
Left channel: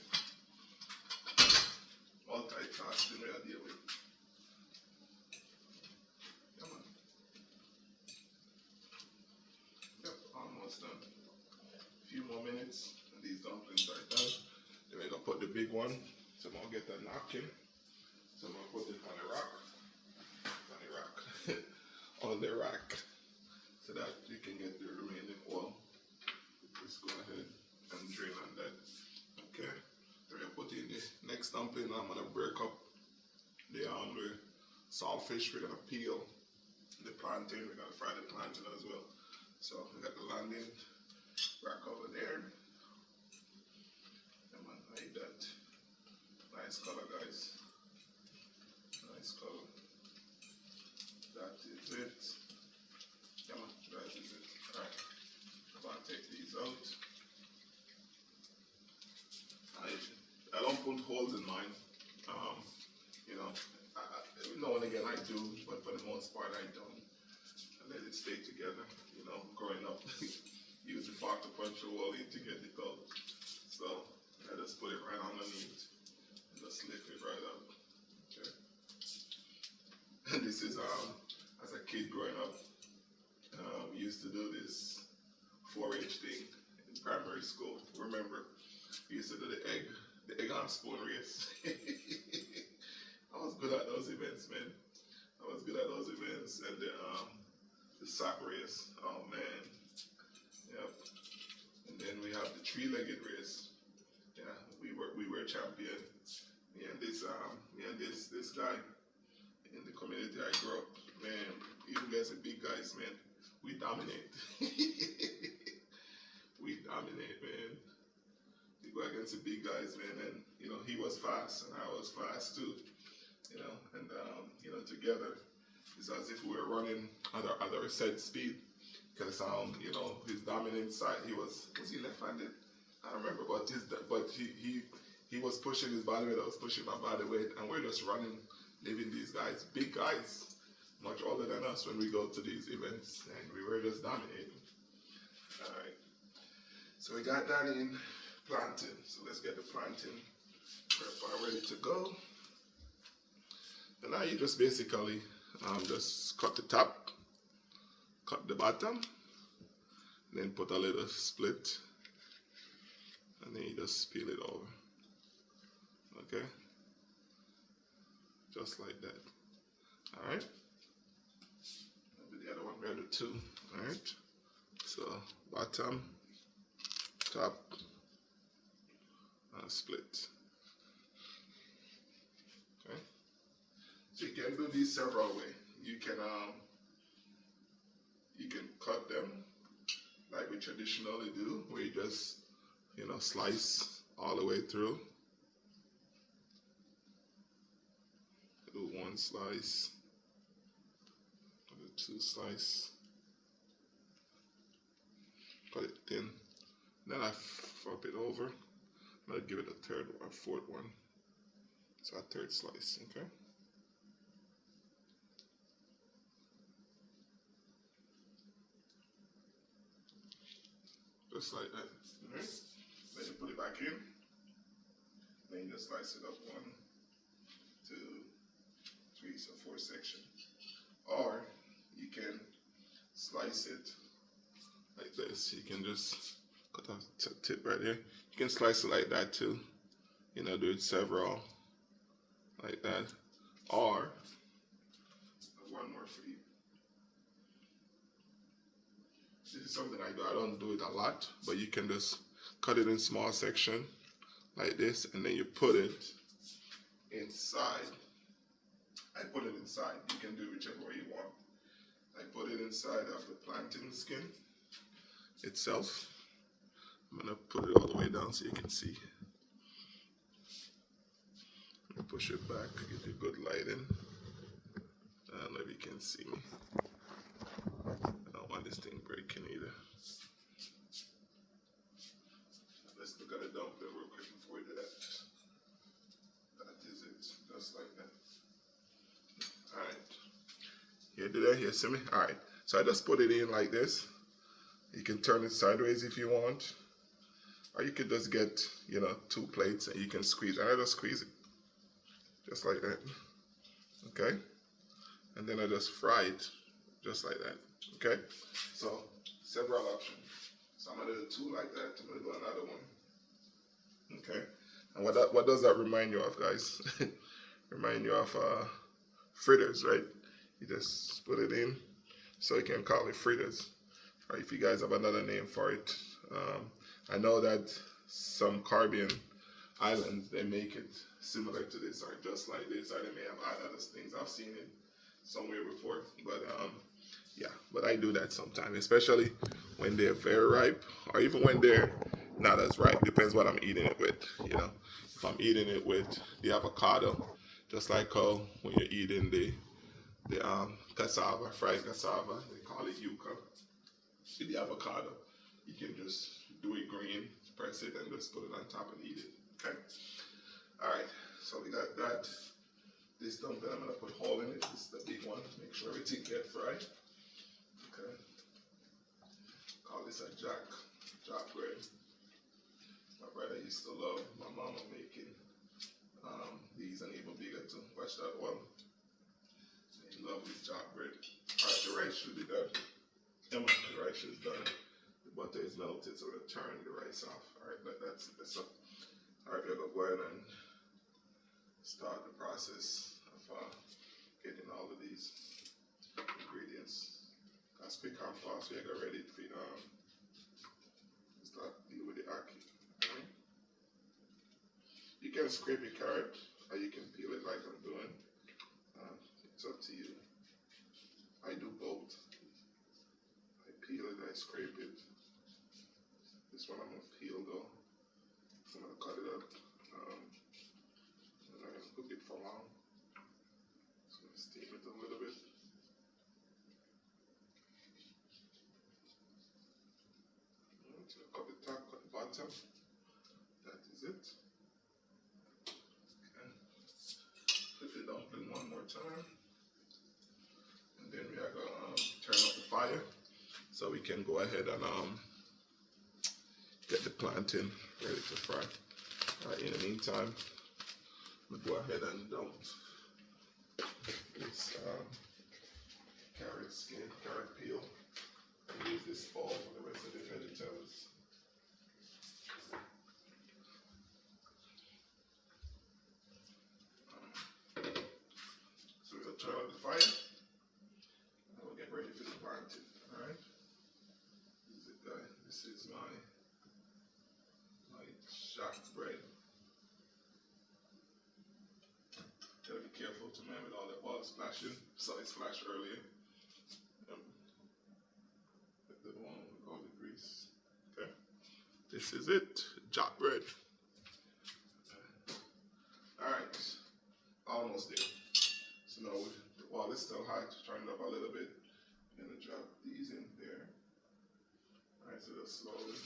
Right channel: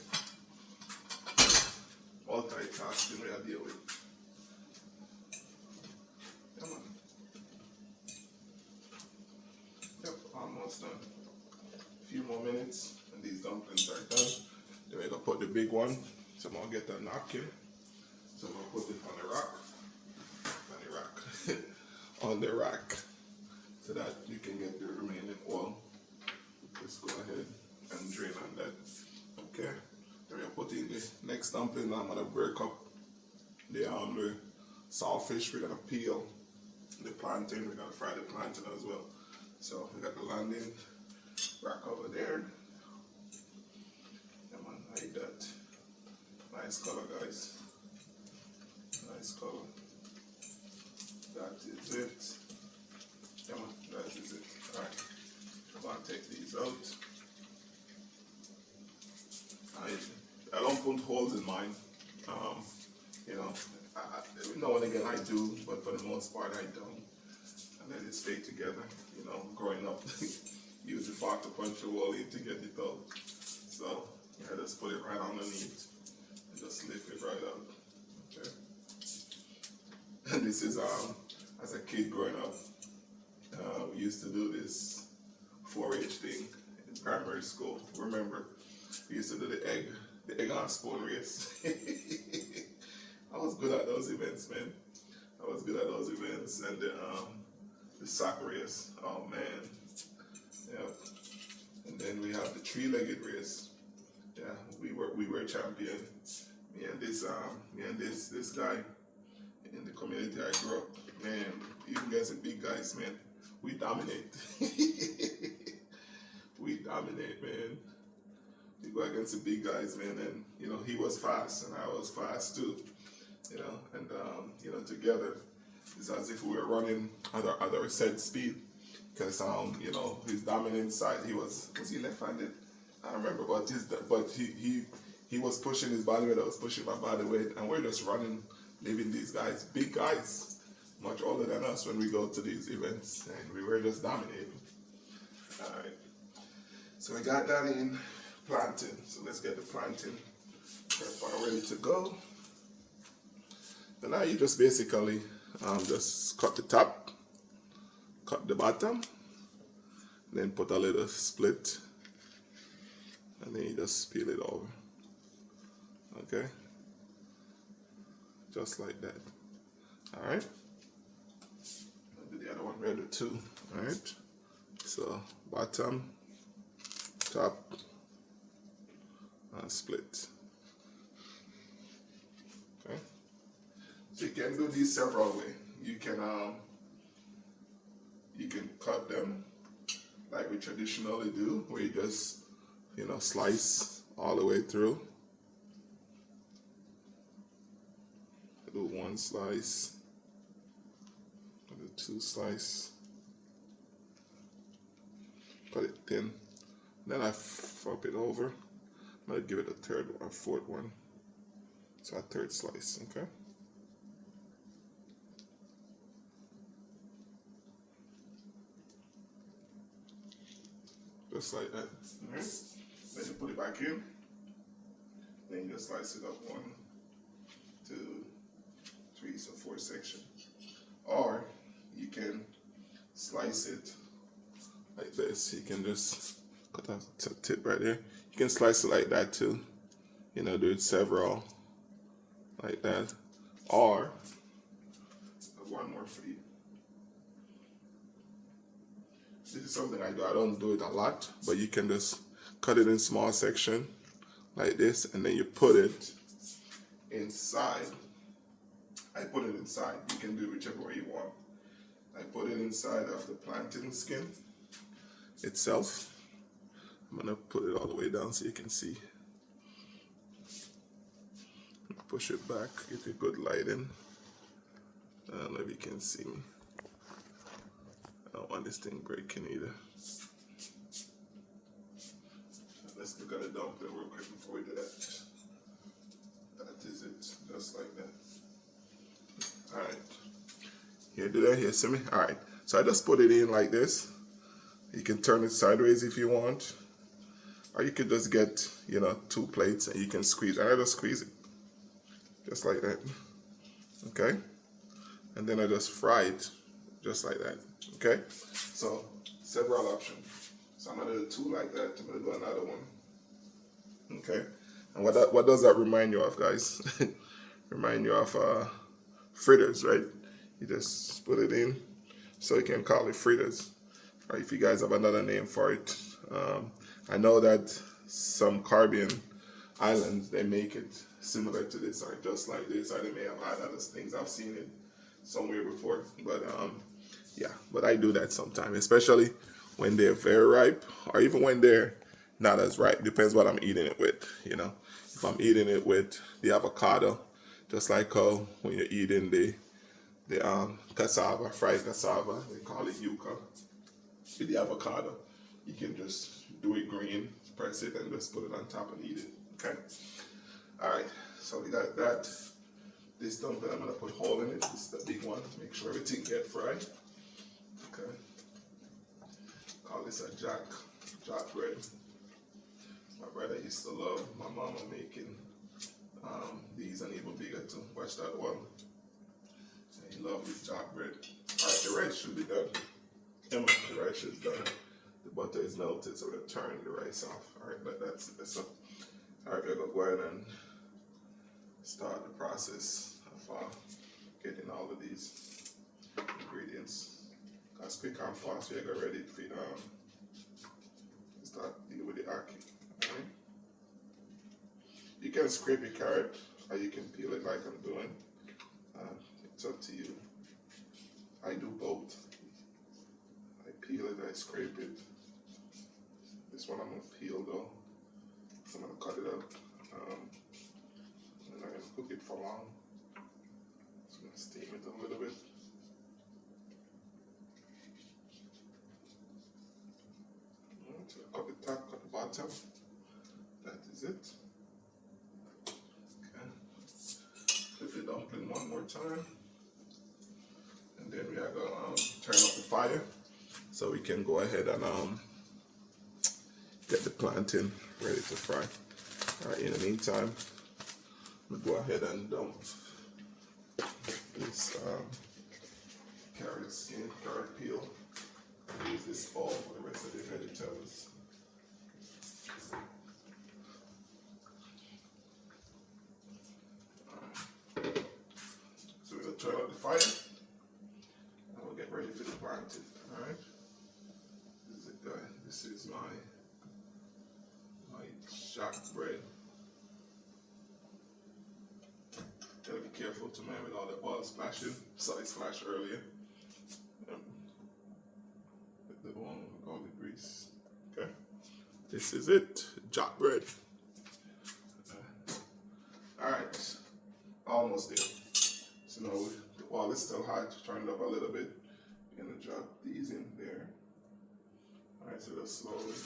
Multitasking we are dealing with. Come on. Yep, almost done. A few more minutes and these dumplings are done. Then we're gonna put the big one. So I'm gonna get the napkin. So I'm gonna put it on the rack. On the rack. So that you can get the remaining oil. Just go ahead and drain on that. Okay. Then we're gonna put in the next dumpling. I'm gonna break up the saltfish. We're gonna peel the plantain. We're gonna fry the plantain as well. So we got the landing rack over there. Come on, like that. Nice color, guys. Nice color. That is it. Come on, that is it. Alright. I'm gonna take these out. I don't put holes in mine. You know, now and again I do, but for the most part I don't. I let it stay together. You know, growing up, use the fork to punch a hole in to get it out. So I just put it right underneath and just lift it right up. Okay. And this is as a kid growing up, we used to do this 4-H thing in primary school. Remember, we used to do the egg on spoon race. I was good at those events, man. I was good at those events. And the sack race, oh man. Yeah. And then we have the 3-legged race. Yeah, we were champion. Me and this guy in the community I grew up, man, even guys are big guys, man. We dominate. We dominate, man. We go against the big guys, man, and you know, he was fast and I was fast too. You know, and you know, together it's as if we were running at our set speed. Because you know, his dominant side, he was he left-handed? I don't remember, but he was pushing his body weight, I was pushing my body weight, and we're just running, leaving these guys, big guys, much older than us when we go to these events, and we were just dominating. Alright. So we got that in plantain. So let's get the plantain ready to go. And now you just basically just cut the top, cut the bottom, then put a little split, and then you just peel it over. Okay? Just like that. Alright? I'll do the other one ready too. Alright? So, bottom, top, and split. Okay? So you can do these several ways. You can cut them like we traditionally do, where you just, you know, slice all the way through. Do one slice, do 2 slices, cut it thin. Then I flip it over. I'm gonna give it a 3rd or 4th one. So a 3rd slice, okay? Just like that. Alright? Then you put it back in. Then you just slice it up 1, 2, 3, so 4 sections. Or you can slice it like this. You can just cut a tip right there. You can slice it like that too. You know, do it several like that. Or one more for you. This is something I do. I don't do it a lot, but you can just cut it in small section like this, and then you put it inside. I put it inside. You can do it whichever way you want. I put it inside of the plantain skin itself. I'm gonna put it all the way down so you can see. Push it back, get a good lighting. I don't know if you can see me. I don't want this thing breaking either. Let's look at the dumpling real quick before we do that. That is it, just like that. Alright. Here, do that here, see me? Alright. So I just put it in like this. You can turn it sideways if you want. Or you could just get, you know, 2 plates and you can squeeze. And I just squeeze it. Just like that. Okay? And then I just fry it. Just like that. Okay? So, several options. So I'm going to do 2 like that. I'm going to do another one. Okay? And what does that remind you of, guys? Remind you of fritters, right? You just put it in. So you can call it fritters. Or if you guys have another name for it. I know that some Caribbean islands, they make it similar to this, or just like this, or they may have other things. I've seen it somewhere before, but yeah, but I do that sometimes, especially when they're very ripe, or even when they're not as ripe. Depends what I'm eating it with, you know. If I'm eating it with the avocado, just like how when you're eating the cassava, fried cassava, they call it yuca, with the avocado, you can just do it green, press it, and just put it on top and eat it. Okay. All right. So we got that. This dumpling, I'm gonna put a hole in it. This is the big one. Make sure everything gets fried. Okay. Call this a jack bread. My brother used to love my mama making these, and even bigger too. Watch that one. And he loved his jack bread. All right, the rice should be done. Emma, the rice is done. The butter is melted, so we're turn the rice off. All right, but that's up. All right, we're gonna go ahead and start the process of getting all of these ingredients. That's quick and fast. We're gonna ready to start dealing with the ackee. Okay? You can scrape your carrot, or you can peel it like I'm doing. It's up to you. I do both. I peel it, I scrape it. This one I'm gonna peel though, so I'm gonna cut it up. And I'm gonna cook it for long. So I'm gonna steam it a little bit. So cut the top, cut the bottom. That is it. Okay. Flip the dumpling one more time. And then we are gonna turn off the fire so we can go ahead and get the plantain ready to fry. All right, in the meantime, I'm gonna go ahead and dump this carrot skin, carrot peel. I'll use this bowl for the rest of the vegetables. So we're gonna turn off the fire and we'll get ready for the plantain. All right. This is it, guys. This is my jack bread. Gotta be careful to man with all the oil splashing. Saw it splash earlier. With the one with all the grease. Okay. This is it. Jack bread. Alright. Almost there. So now the oil is still hot. Turn it up a little bit. We're gonna drop these in there. Alright, so just slowly.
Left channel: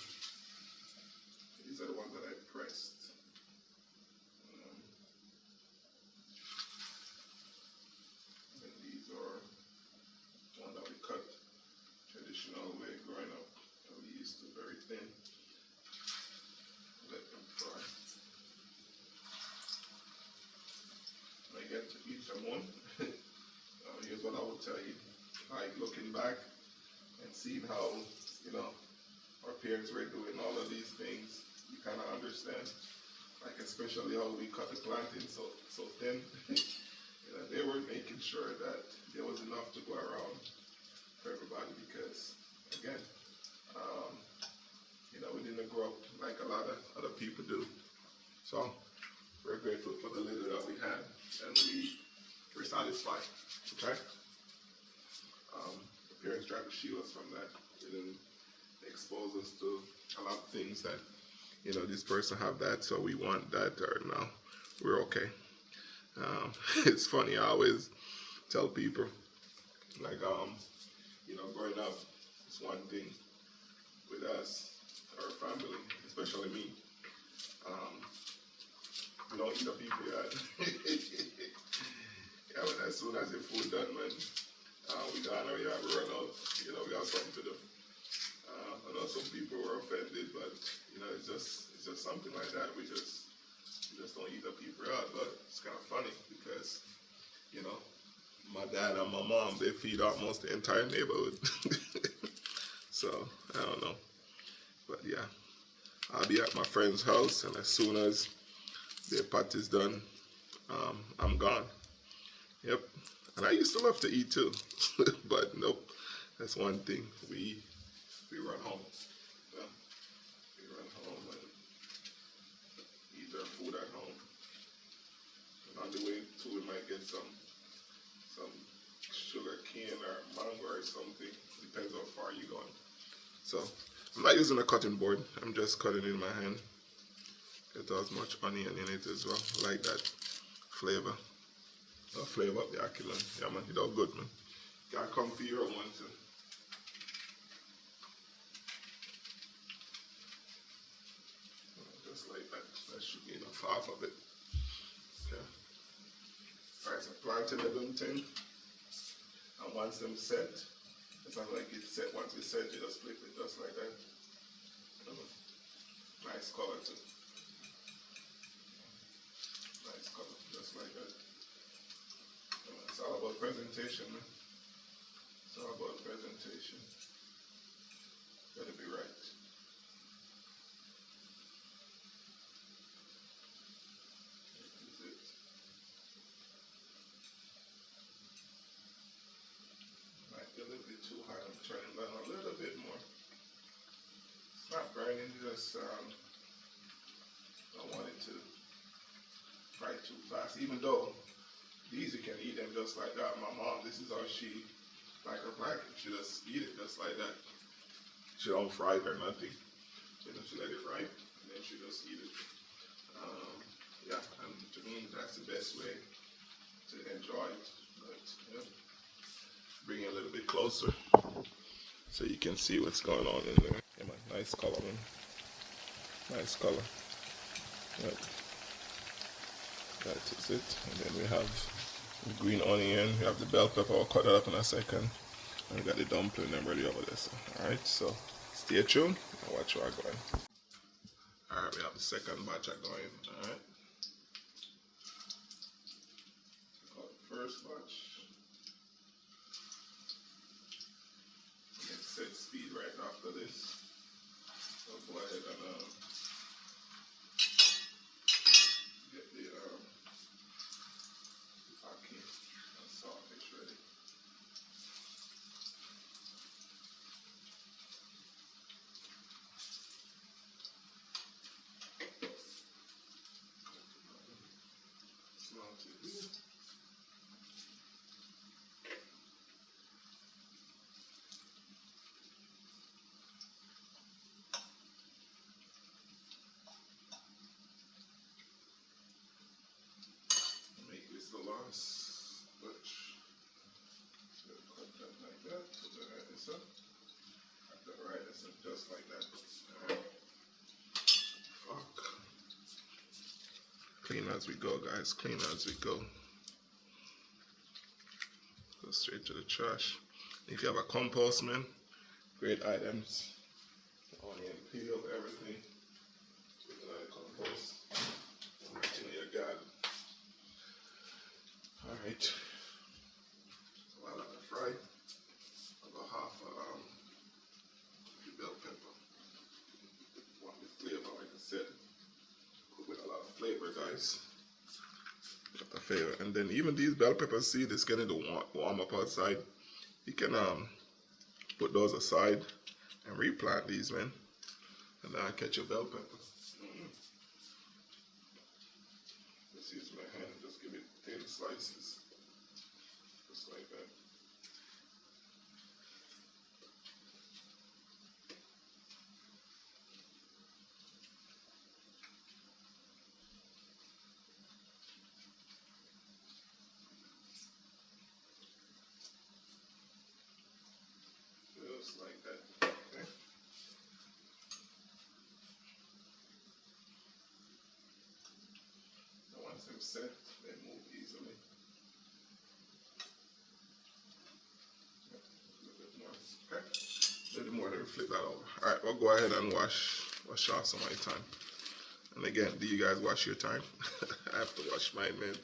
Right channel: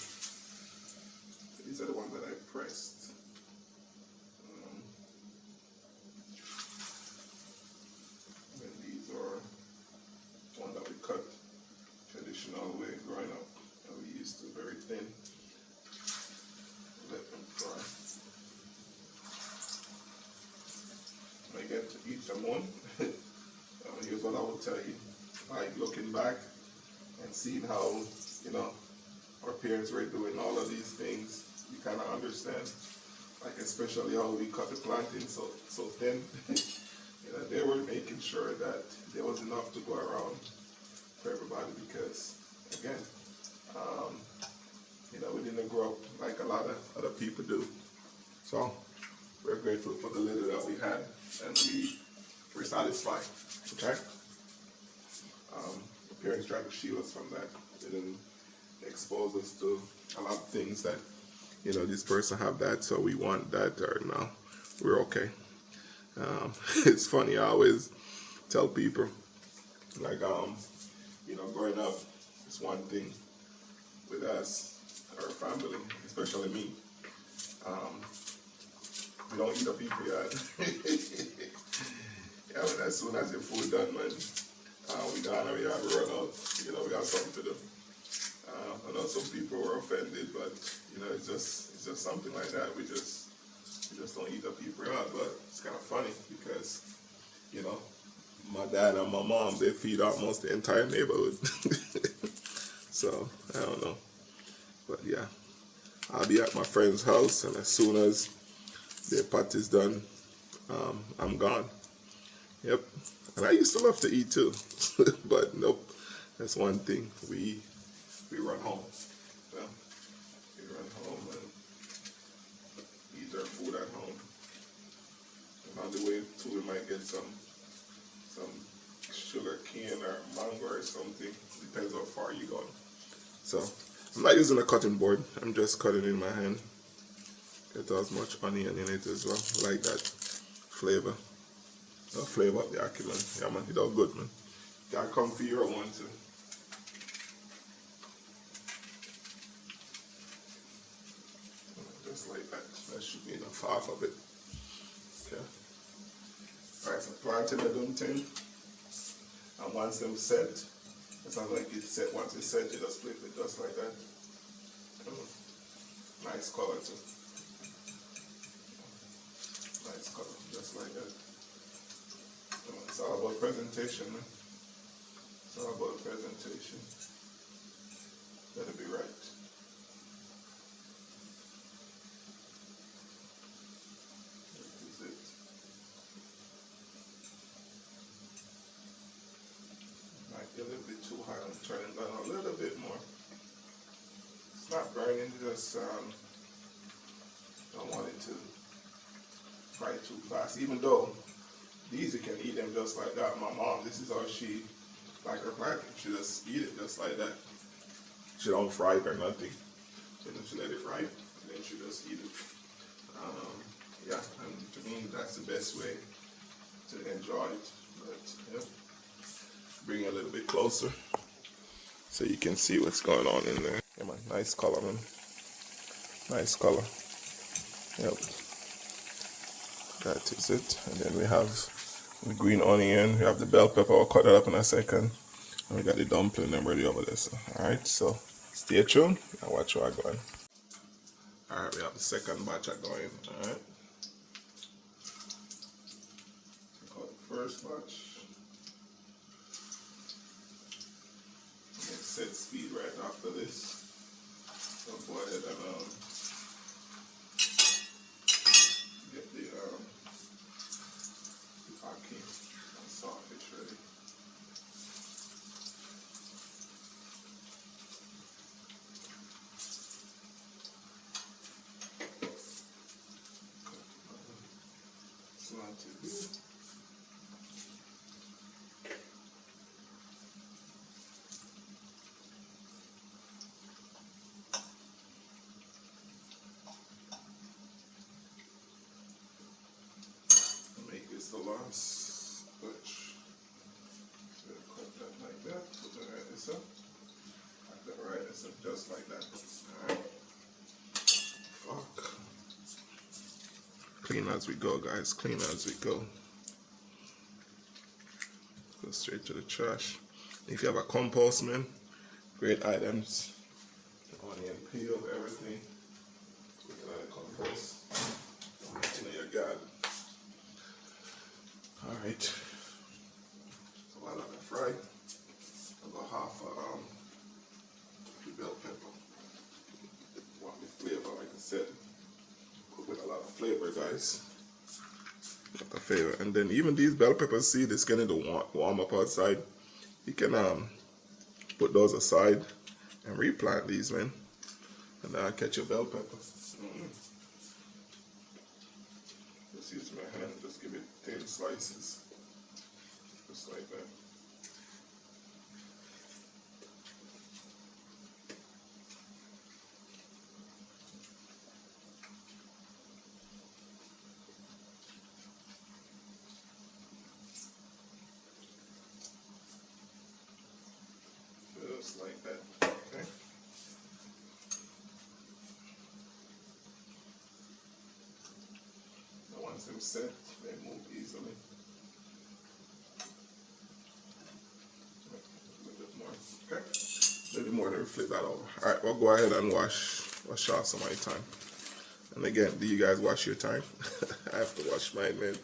These are the ones that I pressed. And these are one that we cut traditional way growing up. And we used to very thin. Let them fry. When I get to each one, here's what I will tell you. Like looking back and seeing how, you know, our parents were doing all of these things, you kind of understand, like especially how we cut the plantain so thin. You know, they were making sure that there was enough to go around for everybody because, again, you know, we didn't grow up like a lot of other people do. So we're grateful for the little that we had, and we're satisfied. Okay. The parents tried to shield us from that. They didn't expose us to a lot of things that, you know, this person have that, so we want that, or no, we're okay. It's funny, I always tell people, like, you know, growing up, it's one thing with us, our family, especially me. We don't eat up people yet. Yeah, but as soon as the food done, man, we gone and we have to run out. You know, we got something to do. I know some people were offended, but you know, it's just something like that. We just don't eat up people out. But it's kind of funny because, you know, my dad and my mom, they feed almost the entire neighborhood. So I don't know, but yeah, I'll be at my friend's house, and as soon as their pot is done, I'm gone. Yep. And I used to love to eat too, but nope. That's one thing. We run home. Yeah. We run home and eat our food at home. And on the way too, we might get some sugar cane or mango or something. Depends how far you're going. So I'm not using a cutting board. I'm just cutting in my hand. It has much onion in it as well. I like that flavor. The flavor of the Ackee man. Yeah man, it all good man. Gotta come for your one too. Just like that. That should be enough half of it. Okay. Alright, so planting the dumpling. And once them set, it sounds like it's set. Once it's set, you just flip it just like that. Nice color too. Nice color, just like that. It's all about presentation, man. It's all about presentation. Gotta be right. That is it. Might be a little bit too high. I'm turning it down a little bit more. It's not burning, just don't want it to fry too fast. Even though these you can eat them just like that. My mom, this is how she like her plantain. She just eat it just like that. She don't fry it or nothing. So then she let it fry, and then she just eat it. Yeah, and to me that's the best way to enjoy it. But yeah, bring it a little bit closer so you can see what's going on in there. Yeah, man, nice color, man. Nice color. Yep. That is it. And then we have the green onion, we have the bell pepper. I'll cut that up in a second. And we got the dumpling and ready over there. So, alright, so stay tuned and watch what I'm going. Alright, we have the second batch going. Alright. Got the first batch. And set speed right after this. So go ahead and get the Ackee and Saltfish ready. It's not too good. Make this the last batch. So cut that like that. So then write this up. Cut that right this up just like that. Alright. Fuck. Clean as we go, guys. Clean as we go. Go straight to the trash. If you have a compost, man, great items. Onion peel, everything. Put it in the compost. In your garden. Alright. So while I fry, about half the bell pepper. Want the flavor, like I said. flavor, guys. Got the flavor. And then even these bell peppers, see, it's getting to warm up outside. You can put those aside and replant these, man. And catch your bell pepper. Just use my hand, just give it thin slices. Just like that. Just like that. Okay. Now once them set, they move easily. A little bit more. Okay. A little bit more, then flip that over. Alright, we'll go ahead and wash off some of my time. And again, do you guys wash your time? I have to wash mine, man.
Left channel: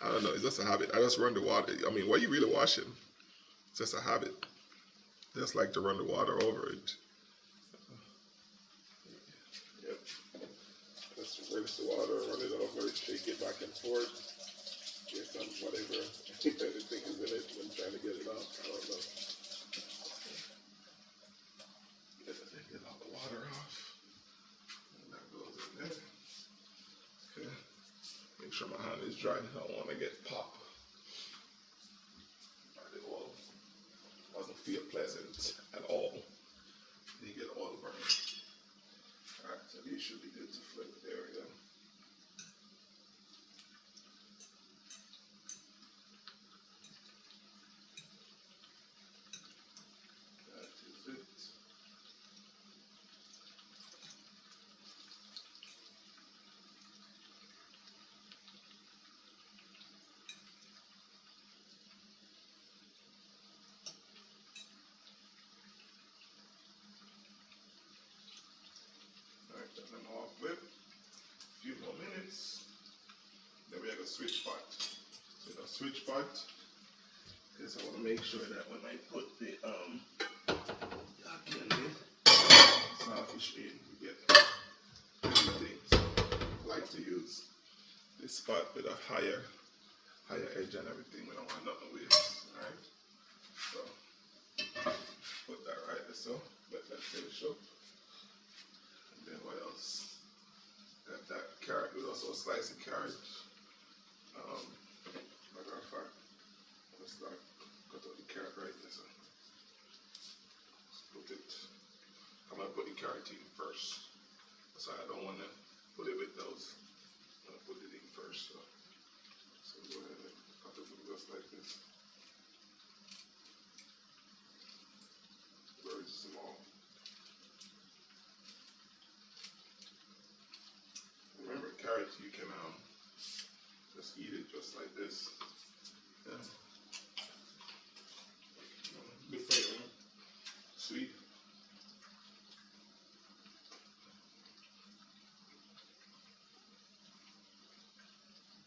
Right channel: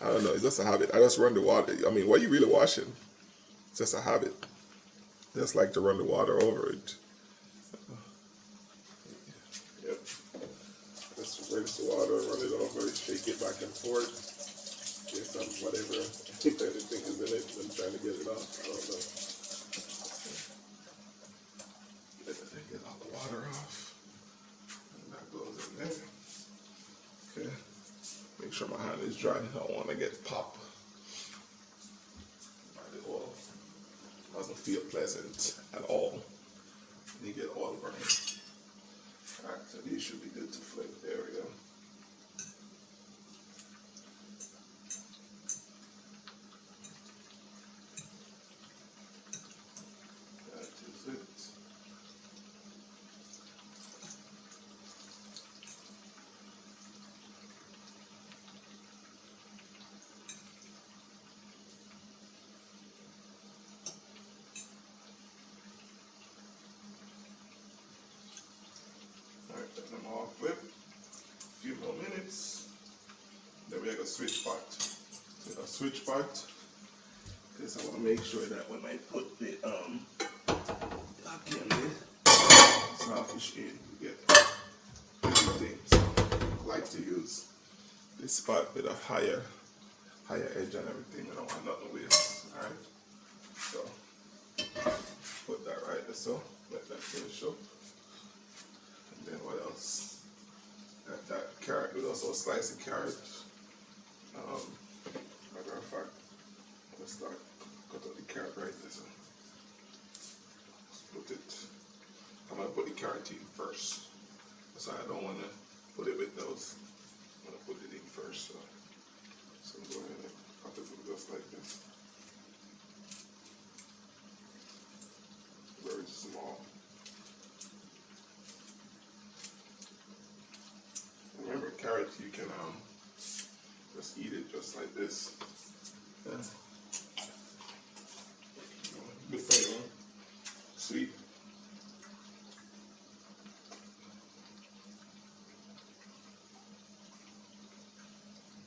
I don't know, it's just a habit. I just run the water. I mean, what are you really washing? It's just a habit. Just like to run the water over it. Yep. Just rinse the water, run it over, shake it back and forth. Get some whatever, if anything is in it, I'm trying to get it off. I don't know. Get all the water off. And that goes in there. Okay. Make sure my hand is dry. I don't want to get pop. Doesn't feel pleasant at all. You get oil burning. Alright, so these should be good to flip. There we go. That is it. Them all flip. A few more minutes. Then we have a switch pot. So a switch pot. This I want to make sure that when I put the Ackee and the Saltfish in, you get everything. So I like to use this spot with a higher edge and everything. I don't want nothing waste. Alright. So put that right there, so let that finish up. Then what else? Got that carrot. We also slice the carrot. Matter of fact, let's start cut out the carrot right there. So let's put it. I'm gonna put the carrot in first. So I don't want to put it with those. I'm gonna put it in first. So go ahead and cut it just like this. Very small. Remember, carrots, you can just eat it just like this. Yeah. Good flavor. Sweet.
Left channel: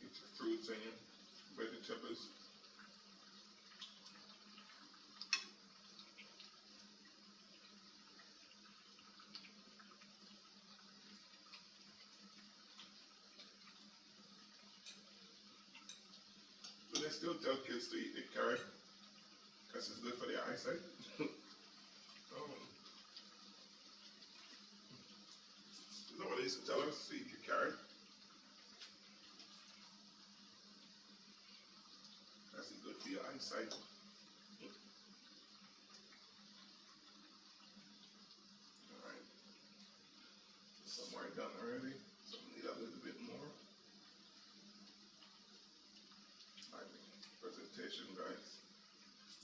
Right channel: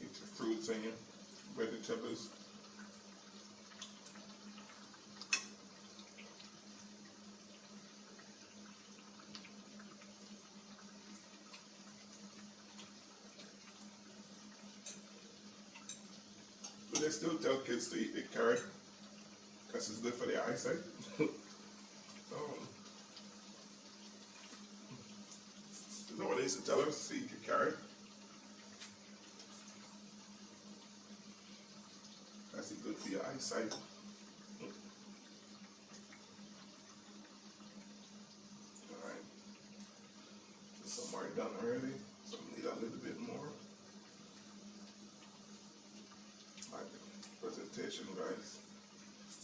Eat your fruits and your vegetables. They still tell kids to eat the carrot because it's good for their eyesight. You know what they used to tell us? To eat the carrot. That's good for your eyesight. Alright. Some are done already. Some need a little bit more. Presentation, guys.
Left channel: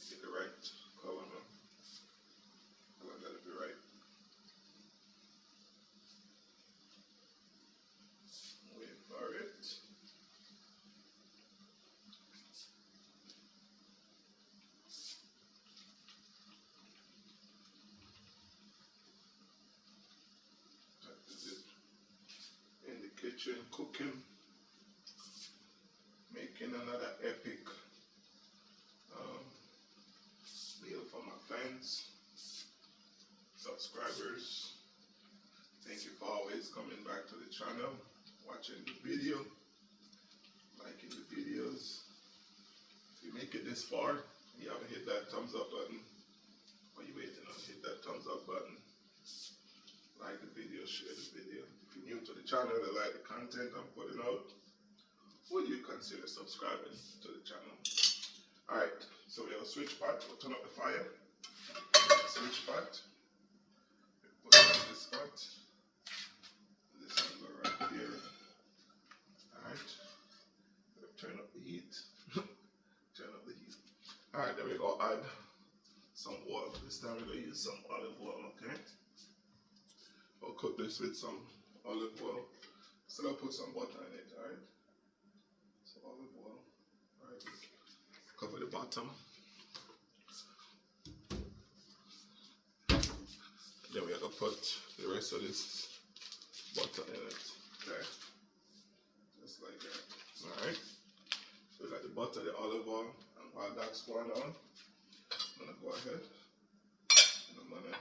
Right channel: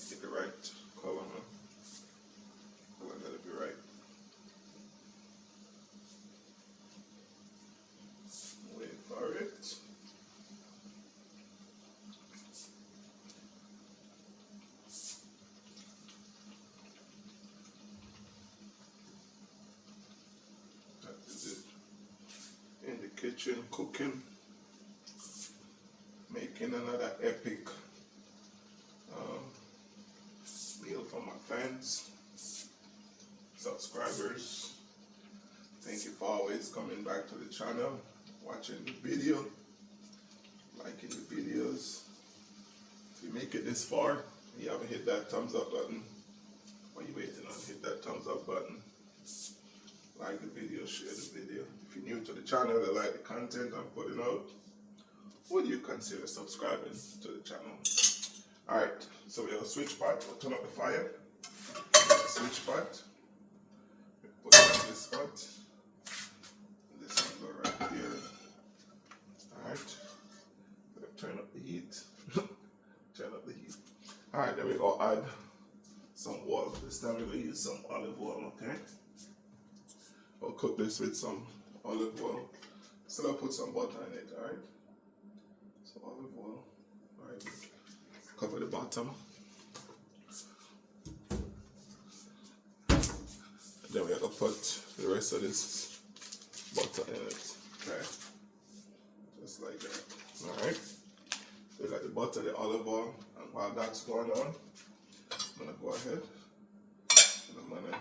Get the right color, man. Color gotta be right. Wait for it. That is it. In the kitchen, cooking, making another epic meal for my fans, subscribers. Thank you for always coming back to the channel, watching the video. video, liking the videos. If you make it this far and you haven't hit that thumbs up button, what are you waiting on? Hit that thumbs up button. Like the video, share the video. If you're new to the channel and like the content I'm putting out, would you consider subscribing to the channel? Alright, so we have a switch pot. We'll turn up the fire. Switch pot. Put it on this spot. This one go right here. Alright. Turn up the heat. Turn up the heat. Alright, there we go. Add some oil. This time we're going to use some olive oil, okay? I'll cook this with some olive oil. Still I'll put some butter in it, alright? So olive oil. Alright. Cover the bottom. And then we're going to put the rest of this butter in it. Okay. Just like that. Alright. So we got the butter, the olive oil, and while that's going on, I'm going to go ahead and I'm going to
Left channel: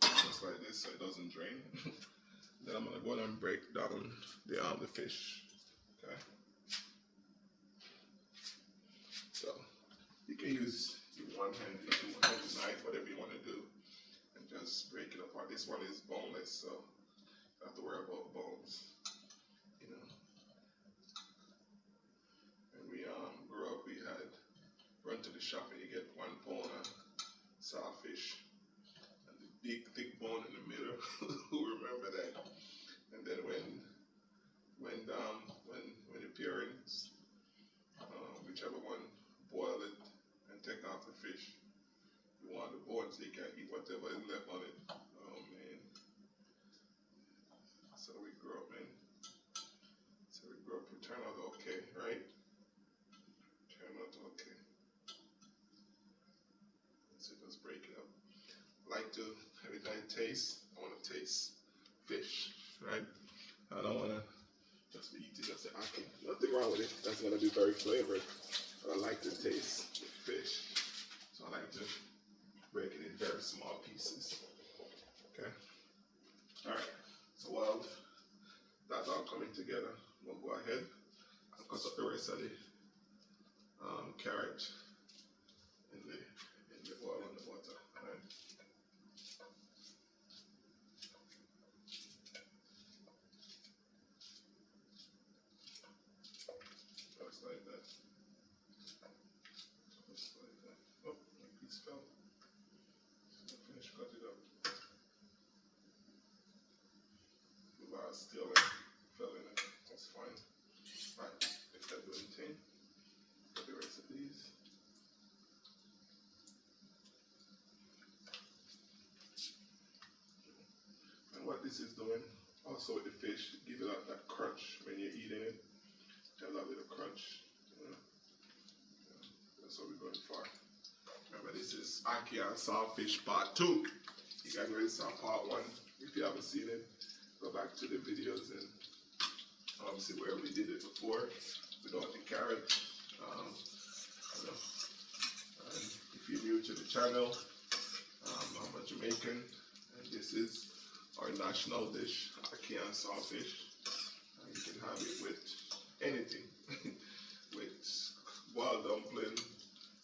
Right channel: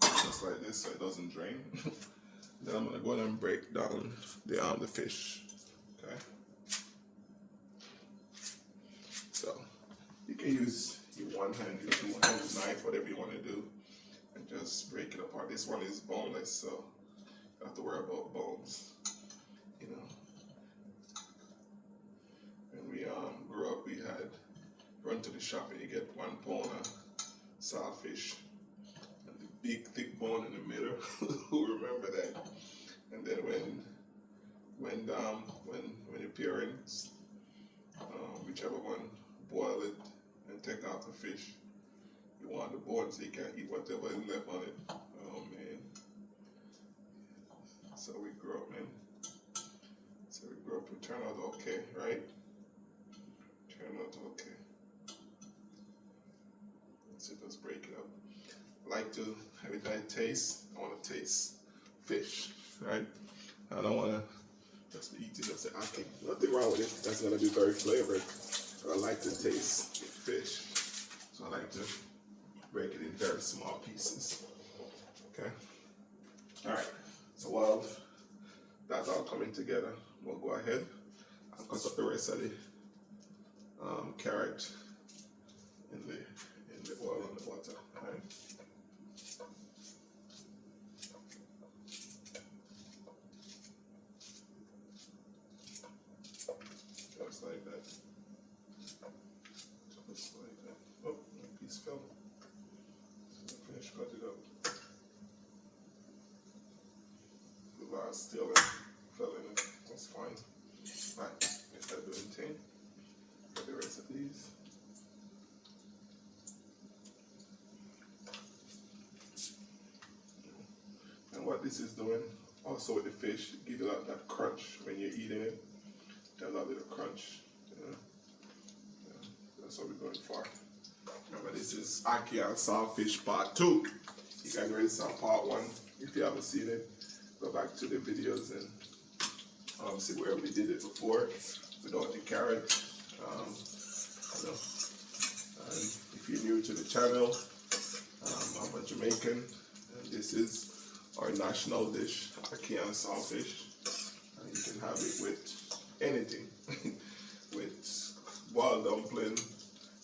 just like this so it doesn't drain. Then I'm going to go ahead and break down the fish. Okay. So you can use your one-handed, two-handed knife, whatever you want to do, and just break it apart. This one is boneless, so you don't have to worry about bones. You know. When we grew up, we had run to the shop and you get 1 pound of saltfish. Big thick bone in the middle. Who remember that? And then when your parents, whichever one, boil it and take out the fish, you want the bone so you can eat whatever is left on it. Oh man. So we grew up, man. So we grew up. We turned out okay, right? Turned out okay. So just break it up. I like to, every time I taste, I want to taste fish, right? I don't want to just be eating just Ackee. Nothing wrong with it. That's going to be very flavored. But I like to taste fish. So I like to break it in very small pieces. Okay? Alright. So while that's all coming together, we'll go ahead and cut up the rest of the carrot in the oil and the butter. Right? Just like that. Just like that. Oh, a piece fell. So finish cut it up. The last still fell in it. That's fine. Right, get that doing thing. Got the rest of these. And what this is doing, also with the fish, give it that crunch when you're eating it. That little crunch. That's what we're going for. Remember, this is Ackee and Saltfish Part 2. You guys already saw Part 1. If you haven't seen it, go back to the videos and see where we did it before without the carrot. And if you're new to the channel, I'm a Jamaican, and this is our national dish, Ackee and Saltfish. And you can have it with anything, with boiled dumpling,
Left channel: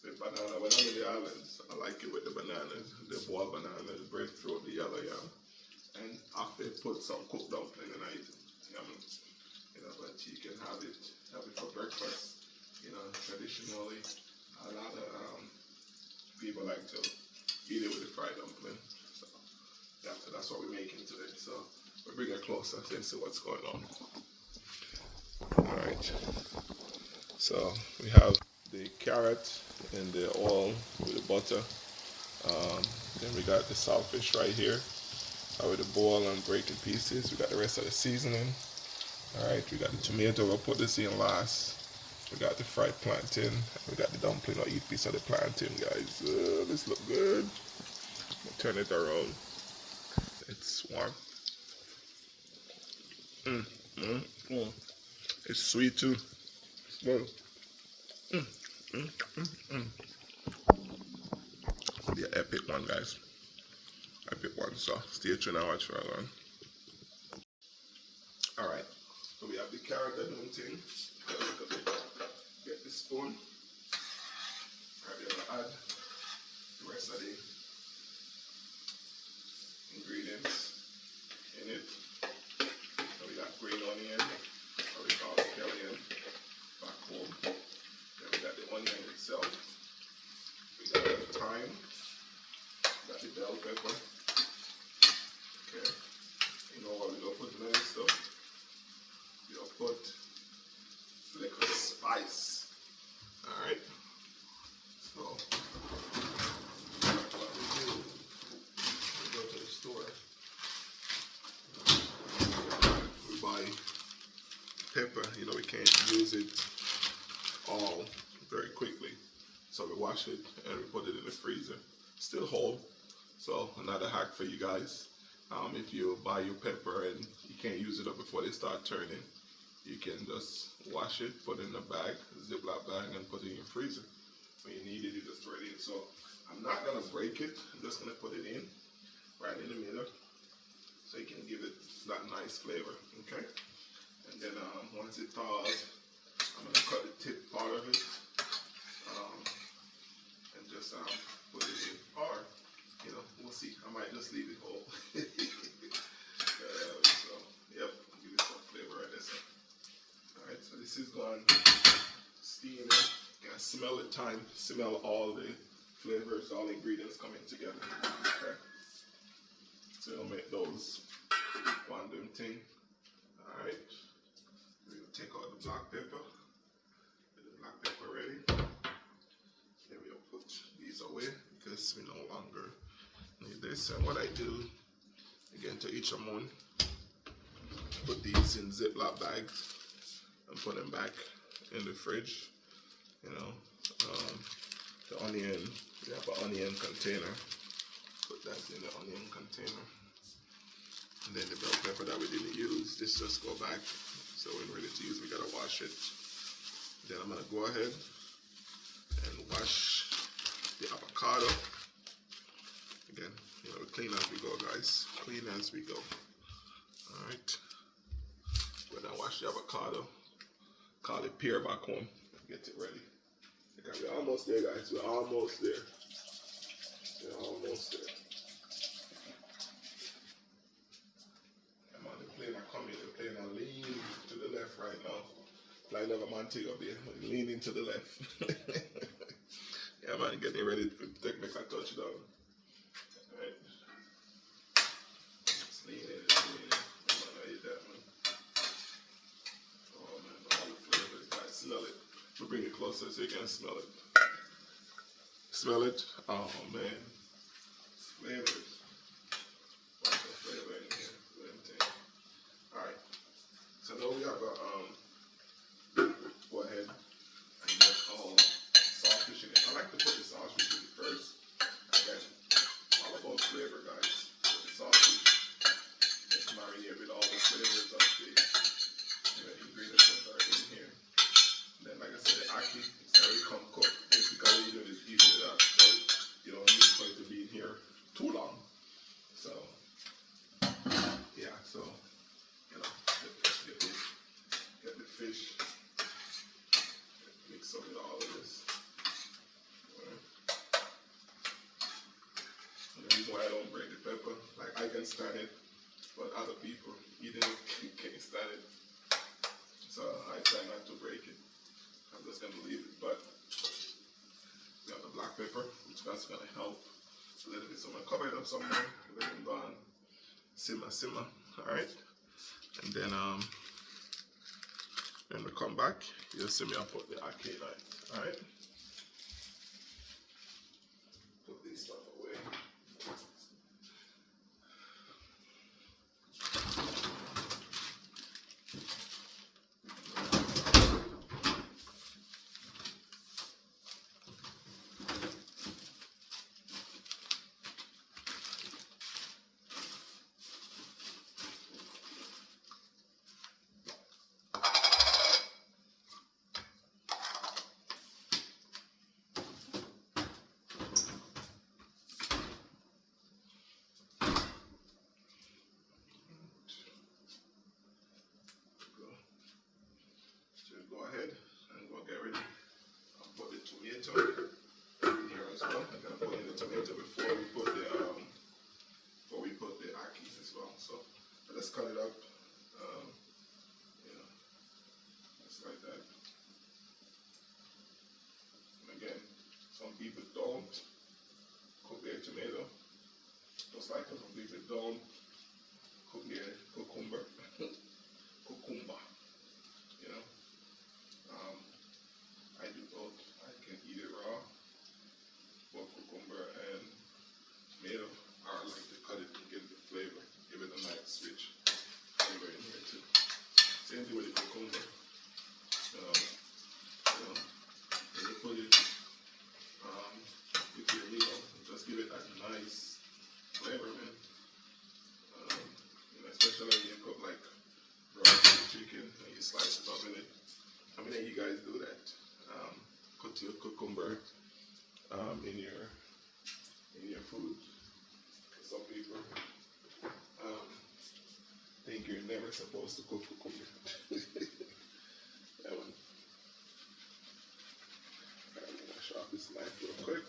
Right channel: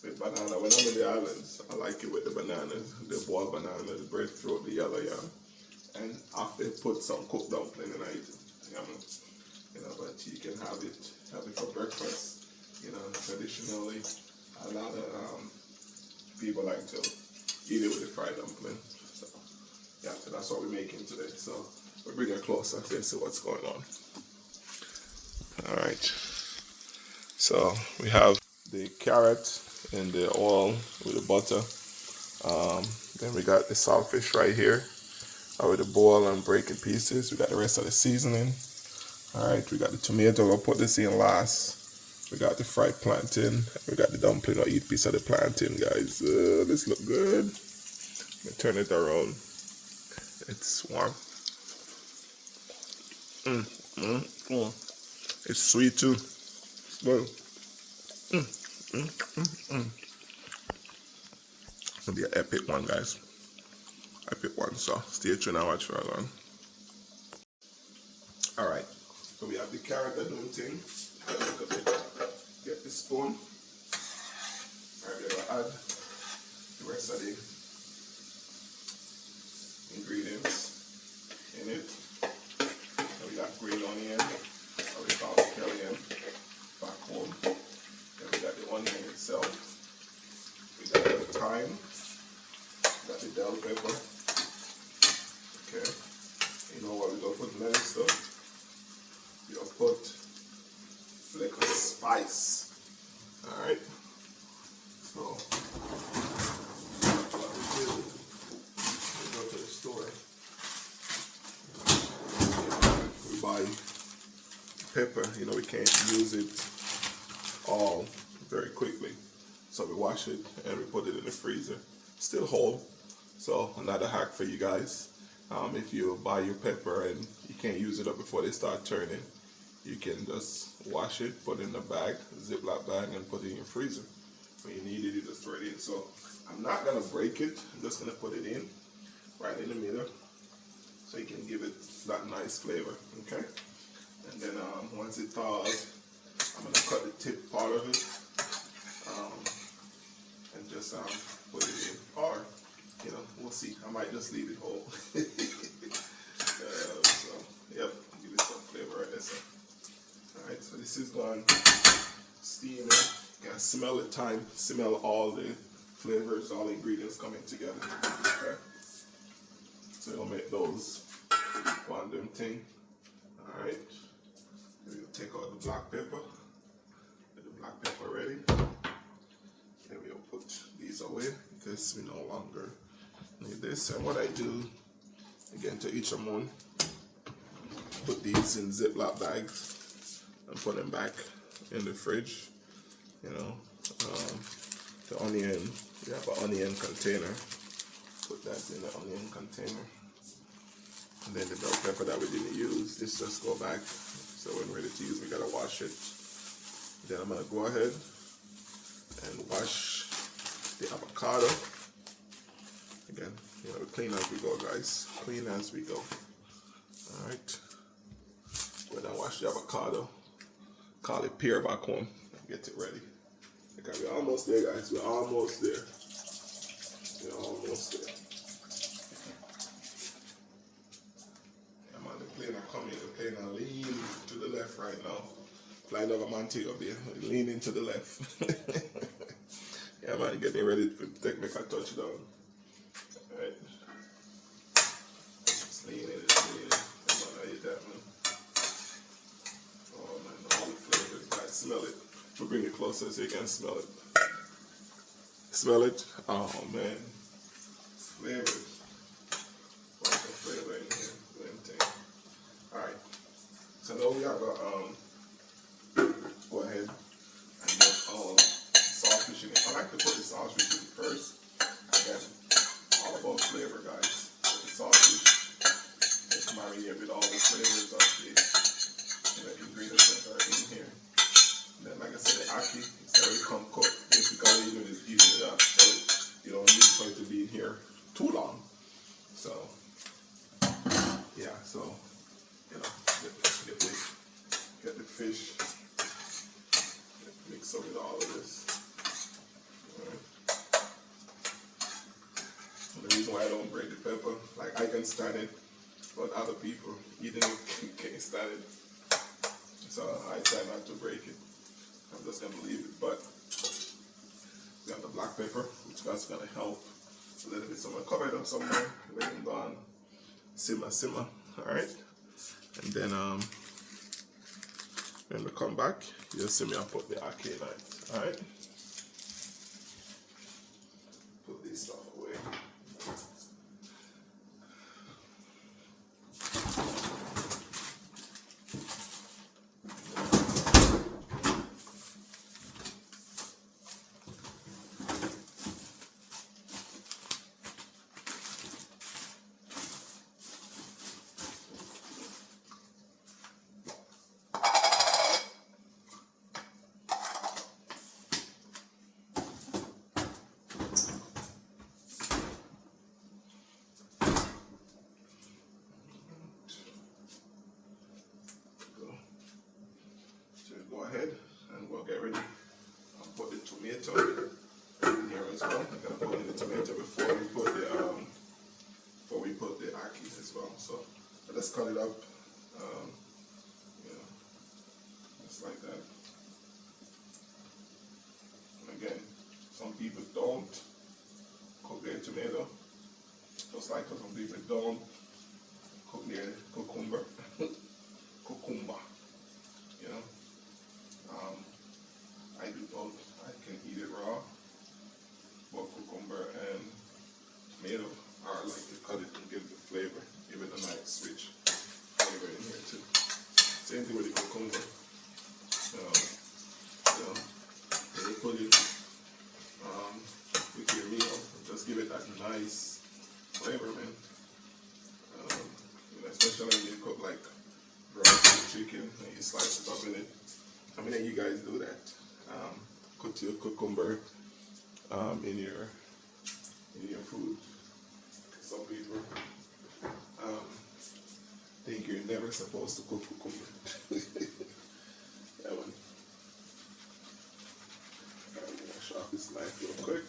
with banana. When I'm in the islands, I like it with the bananas, the boiled banana, the breadfruit, the yellow yam, and after put some cooked dumpling in it. You know, but you can have it for breakfast. You know, traditionally, a lot of people like to eat it with the fried dumpling. So, yeah, so that's what we're making today. So we'll bring it closer and see what's going on. All right. So we have the carrot in the oil with the butter. Then we got the saltfish right here with the boil and breaking pieces. We got the rest of the seasoning. All right, we got the tomato. We'll put this in last. We got the fried plantain. We got the dumpling. I'll eat a piece of the plantain, guys. This look good. Let me turn it around. It's warm. It's sweet too. It's good. It'll be an epic one, guys. Epic one. So stay tuned and watch for a long. All right. So we have the carrot and doing thing. Get the spoon. Alright, we're gonna add the rest of the ingredients in it. So we got green onion, or we call it scallion back home. Then we got the onion itself. We got the thyme. We got the bell pepper. Okay. You know what we're gonna put in there stuff? We're gonna put liquid spice. Alright. So what we do, we go to the store. We buy pepper, you know, we can't use it all very quickly. So we wash it and we put it in the freezer. Still whole. So another hack for you guys. If you buy your pepper and you can't use it up before they start turning, you can just wash it, put it in a bag, Ziploc bag, and put it in your freezer. When you need it, you just throw it in. So I'm not gonna break it. I'm just gonna put it in right in the middle, so you can give it that nice flavor. Okay. And then once it thaws, I'm gonna cut the tip part of it and just put it in. Or you know, we'll see. I might just leave it whole. So yep, give it some flavor right there. So, all right, so this is going steaming. You can smell the thyme, smell all the flavors, all the ingredients coming together. Okay. So we'll make those one them thing. All right. We'll take out the black pepper. Get the black pepper ready. Then we'll put these away because we no longer need this. And what I do, again, to each of them, put these in Ziploc bags and put them back in the fridge. You know, the onion, we have an onion container. Put that in the onion container. And then the bell pepper that we didn't use, this just go back. So when we're ready to use, we gotta wash it. Then I'm gonna go ahead and wash the avocado. Again, you know, clean as we go, guys. Clean as we go. All right. Go ahead and wash the avocado. Call it pear back home. Get it ready. Okay, we're almost there, guys. We're almost there. We're almost there. I'm on the plane. I'm coming. The plane. I'm leaning to the left right now. Flying over Montego Bay. Leaning to the left. Yeah, man. Getting ready for technical touchdown. All right. It's leaning. It's leaning. Come on, I eat that, man. Oh, man. All the flavors. Guys, smell it. We'll bring it closer so you can smell it. Smell it? Oh man. Flavors. Lots of flavor in here. Alright. So now we have go ahead and get all saltfish in it. I like to put the saltfish in first. Again, all about flavor, guys. The saltfish is marinated with all the flavors of the ingredients that are in here. Then, like I said, the ackee is already come cooked. Basically, you're just heating it up, so you don't need for it to be in here too long. So, yeah, so you know, get the fish, mix up with all of this. All right. And the reason why I don't break the pepper, like I can stand it, but other people eating it can't stand it. So I try not to break it. I'm just gonna leave it, but we got the black pepper, which is gonna help a little bit. So I'm gonna cover it up somewhere, let it go on, simmer. All right, and then when we come back, you'll see me. I put the ackee in it. All right, put this stuff away. slices up in it. How many of you guys do that? Put your cucumber in your food. Some people think you're never supposed to cook cucumber. That one. I'm gonna sharpen this knife real quick.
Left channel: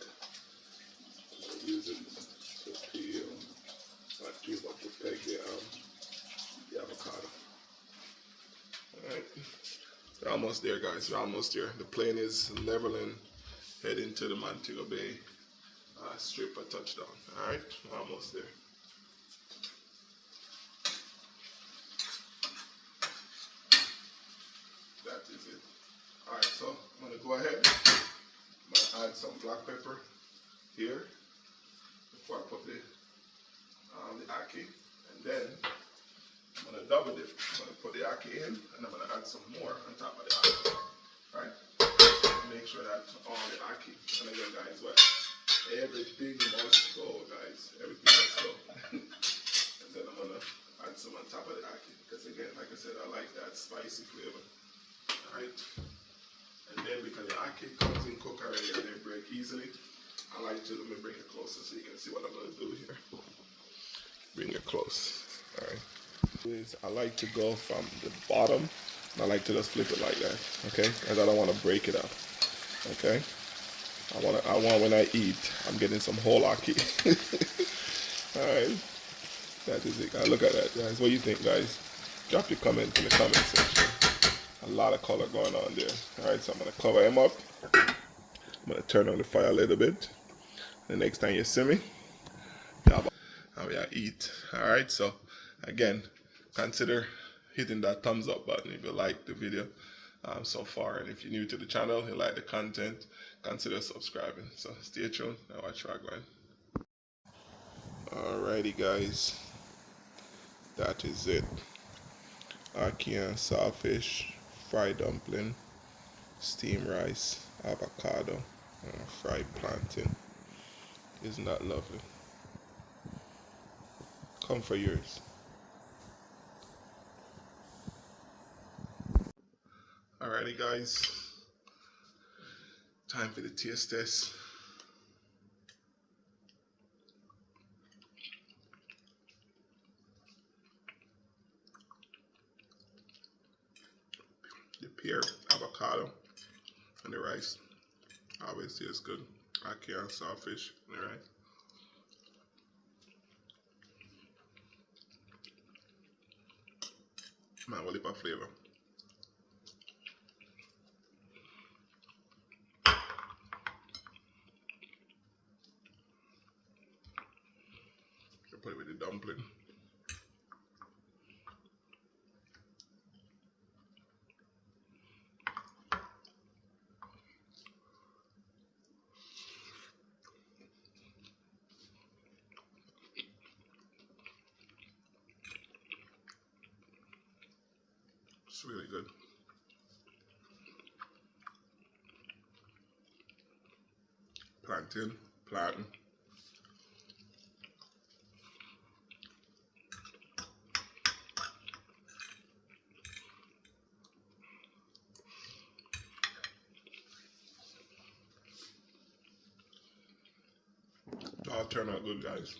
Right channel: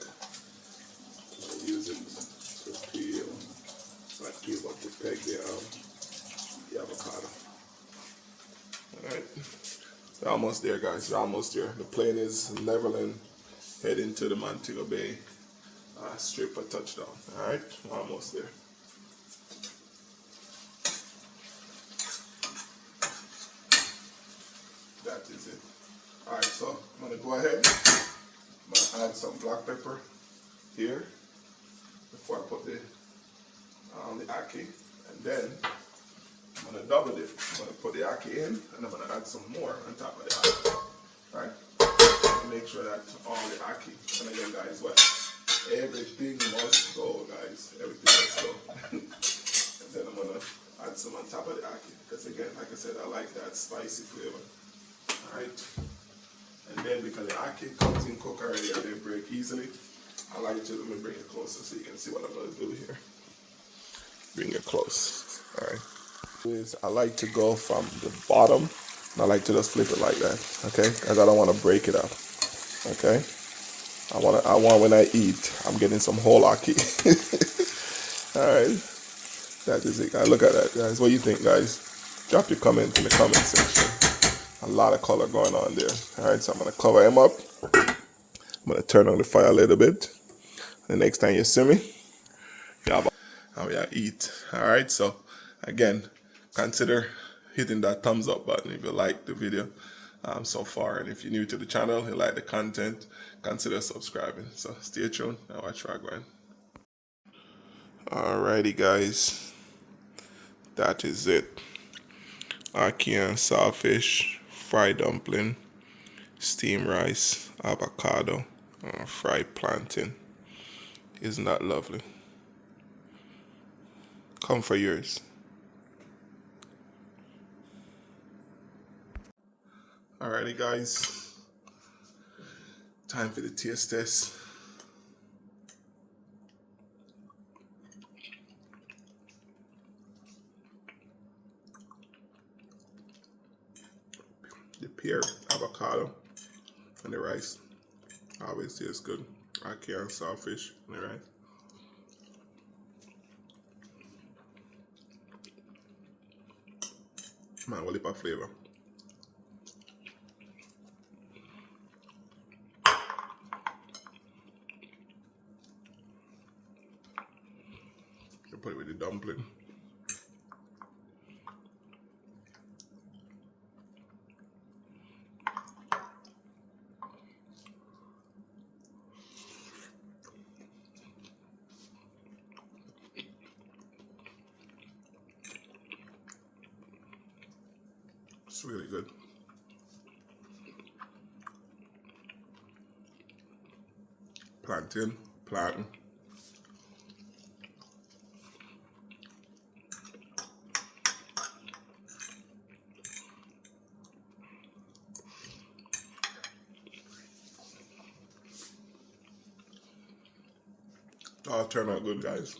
I'll use it to peel, not peel, but to peg the avocado. Alright, we're almost there, guys. We're almost there. The plane is leveling, heading to the Montego Bay strip for touchdown. Alright, we're almost there. That is it. Alright, so I'm going to go ahead. I'm going to add some black pepper here before I put the ackee, and then I'm going to double it. I'm going to put the ackee in, and I'm going to add some more on top of the ackee. Right? Make sure that all the ackee, and again, guys, what? Everything must go, guys. Everything must go. And then I'm going to add some on top of the ackee, because again, like I said, I like that spicy flavor. Alright? And then because the ackee comes in cooked already and they break easily, I like to, let me bring it closer so you can see what I'm going to do here. Bring it close. Alright. I like to go from the bottom, and I like to just flip it like that, okay? Because I don't want to break it up, okay? I want when I eat, I'm getting some whole ackee. Alright. That is it, guys. Look at that, guys. What do you think, guys? Drop your comment in the comment section. A lot of color going on there. Alright, so I'm going to cover him up. I'm going to turn on the fire a little bit. The next time you see me, how I eat. Alright, so again, consider hitting that thumbs up button if you like the video so far. And if you're new to the channel, you like the content, consider subscribing. So stay tuned and watch Ragwan. Alrighty, guys. That is it. Ackee and saltfish, fried dumpling, steamed rice, avocado, fried plantain. Isn't that lovely? Come for yours. Alrighty, guys. Time for the taste test. The pear, avocado, and the rice. Always tastes good. Ackee and saltfish and the rice. Man, what a flavor. You put it with the dumpling. It's really good. Plantain. All turned out good, guys.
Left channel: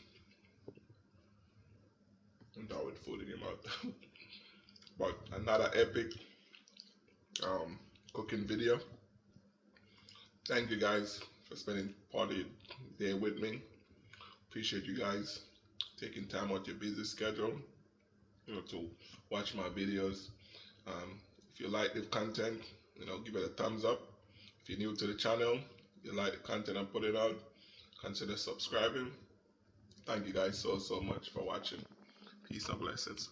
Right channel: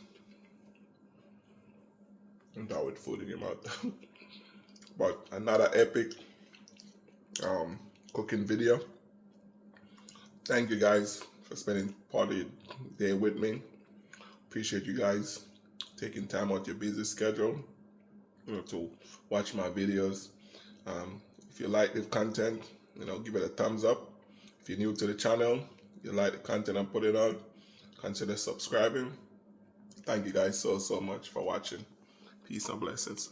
And that with food in your mouth. But another epic cooking video. Thank you guys for spending part of the day with me. Appreciate you guys taking time out your busy schedule, to watch my videos. If you like the content, give it a thumbs up. If you're new to the channel, you like the content I'm putting out, consider subscribing. Thank you guys so much for watching. Peace and blessings.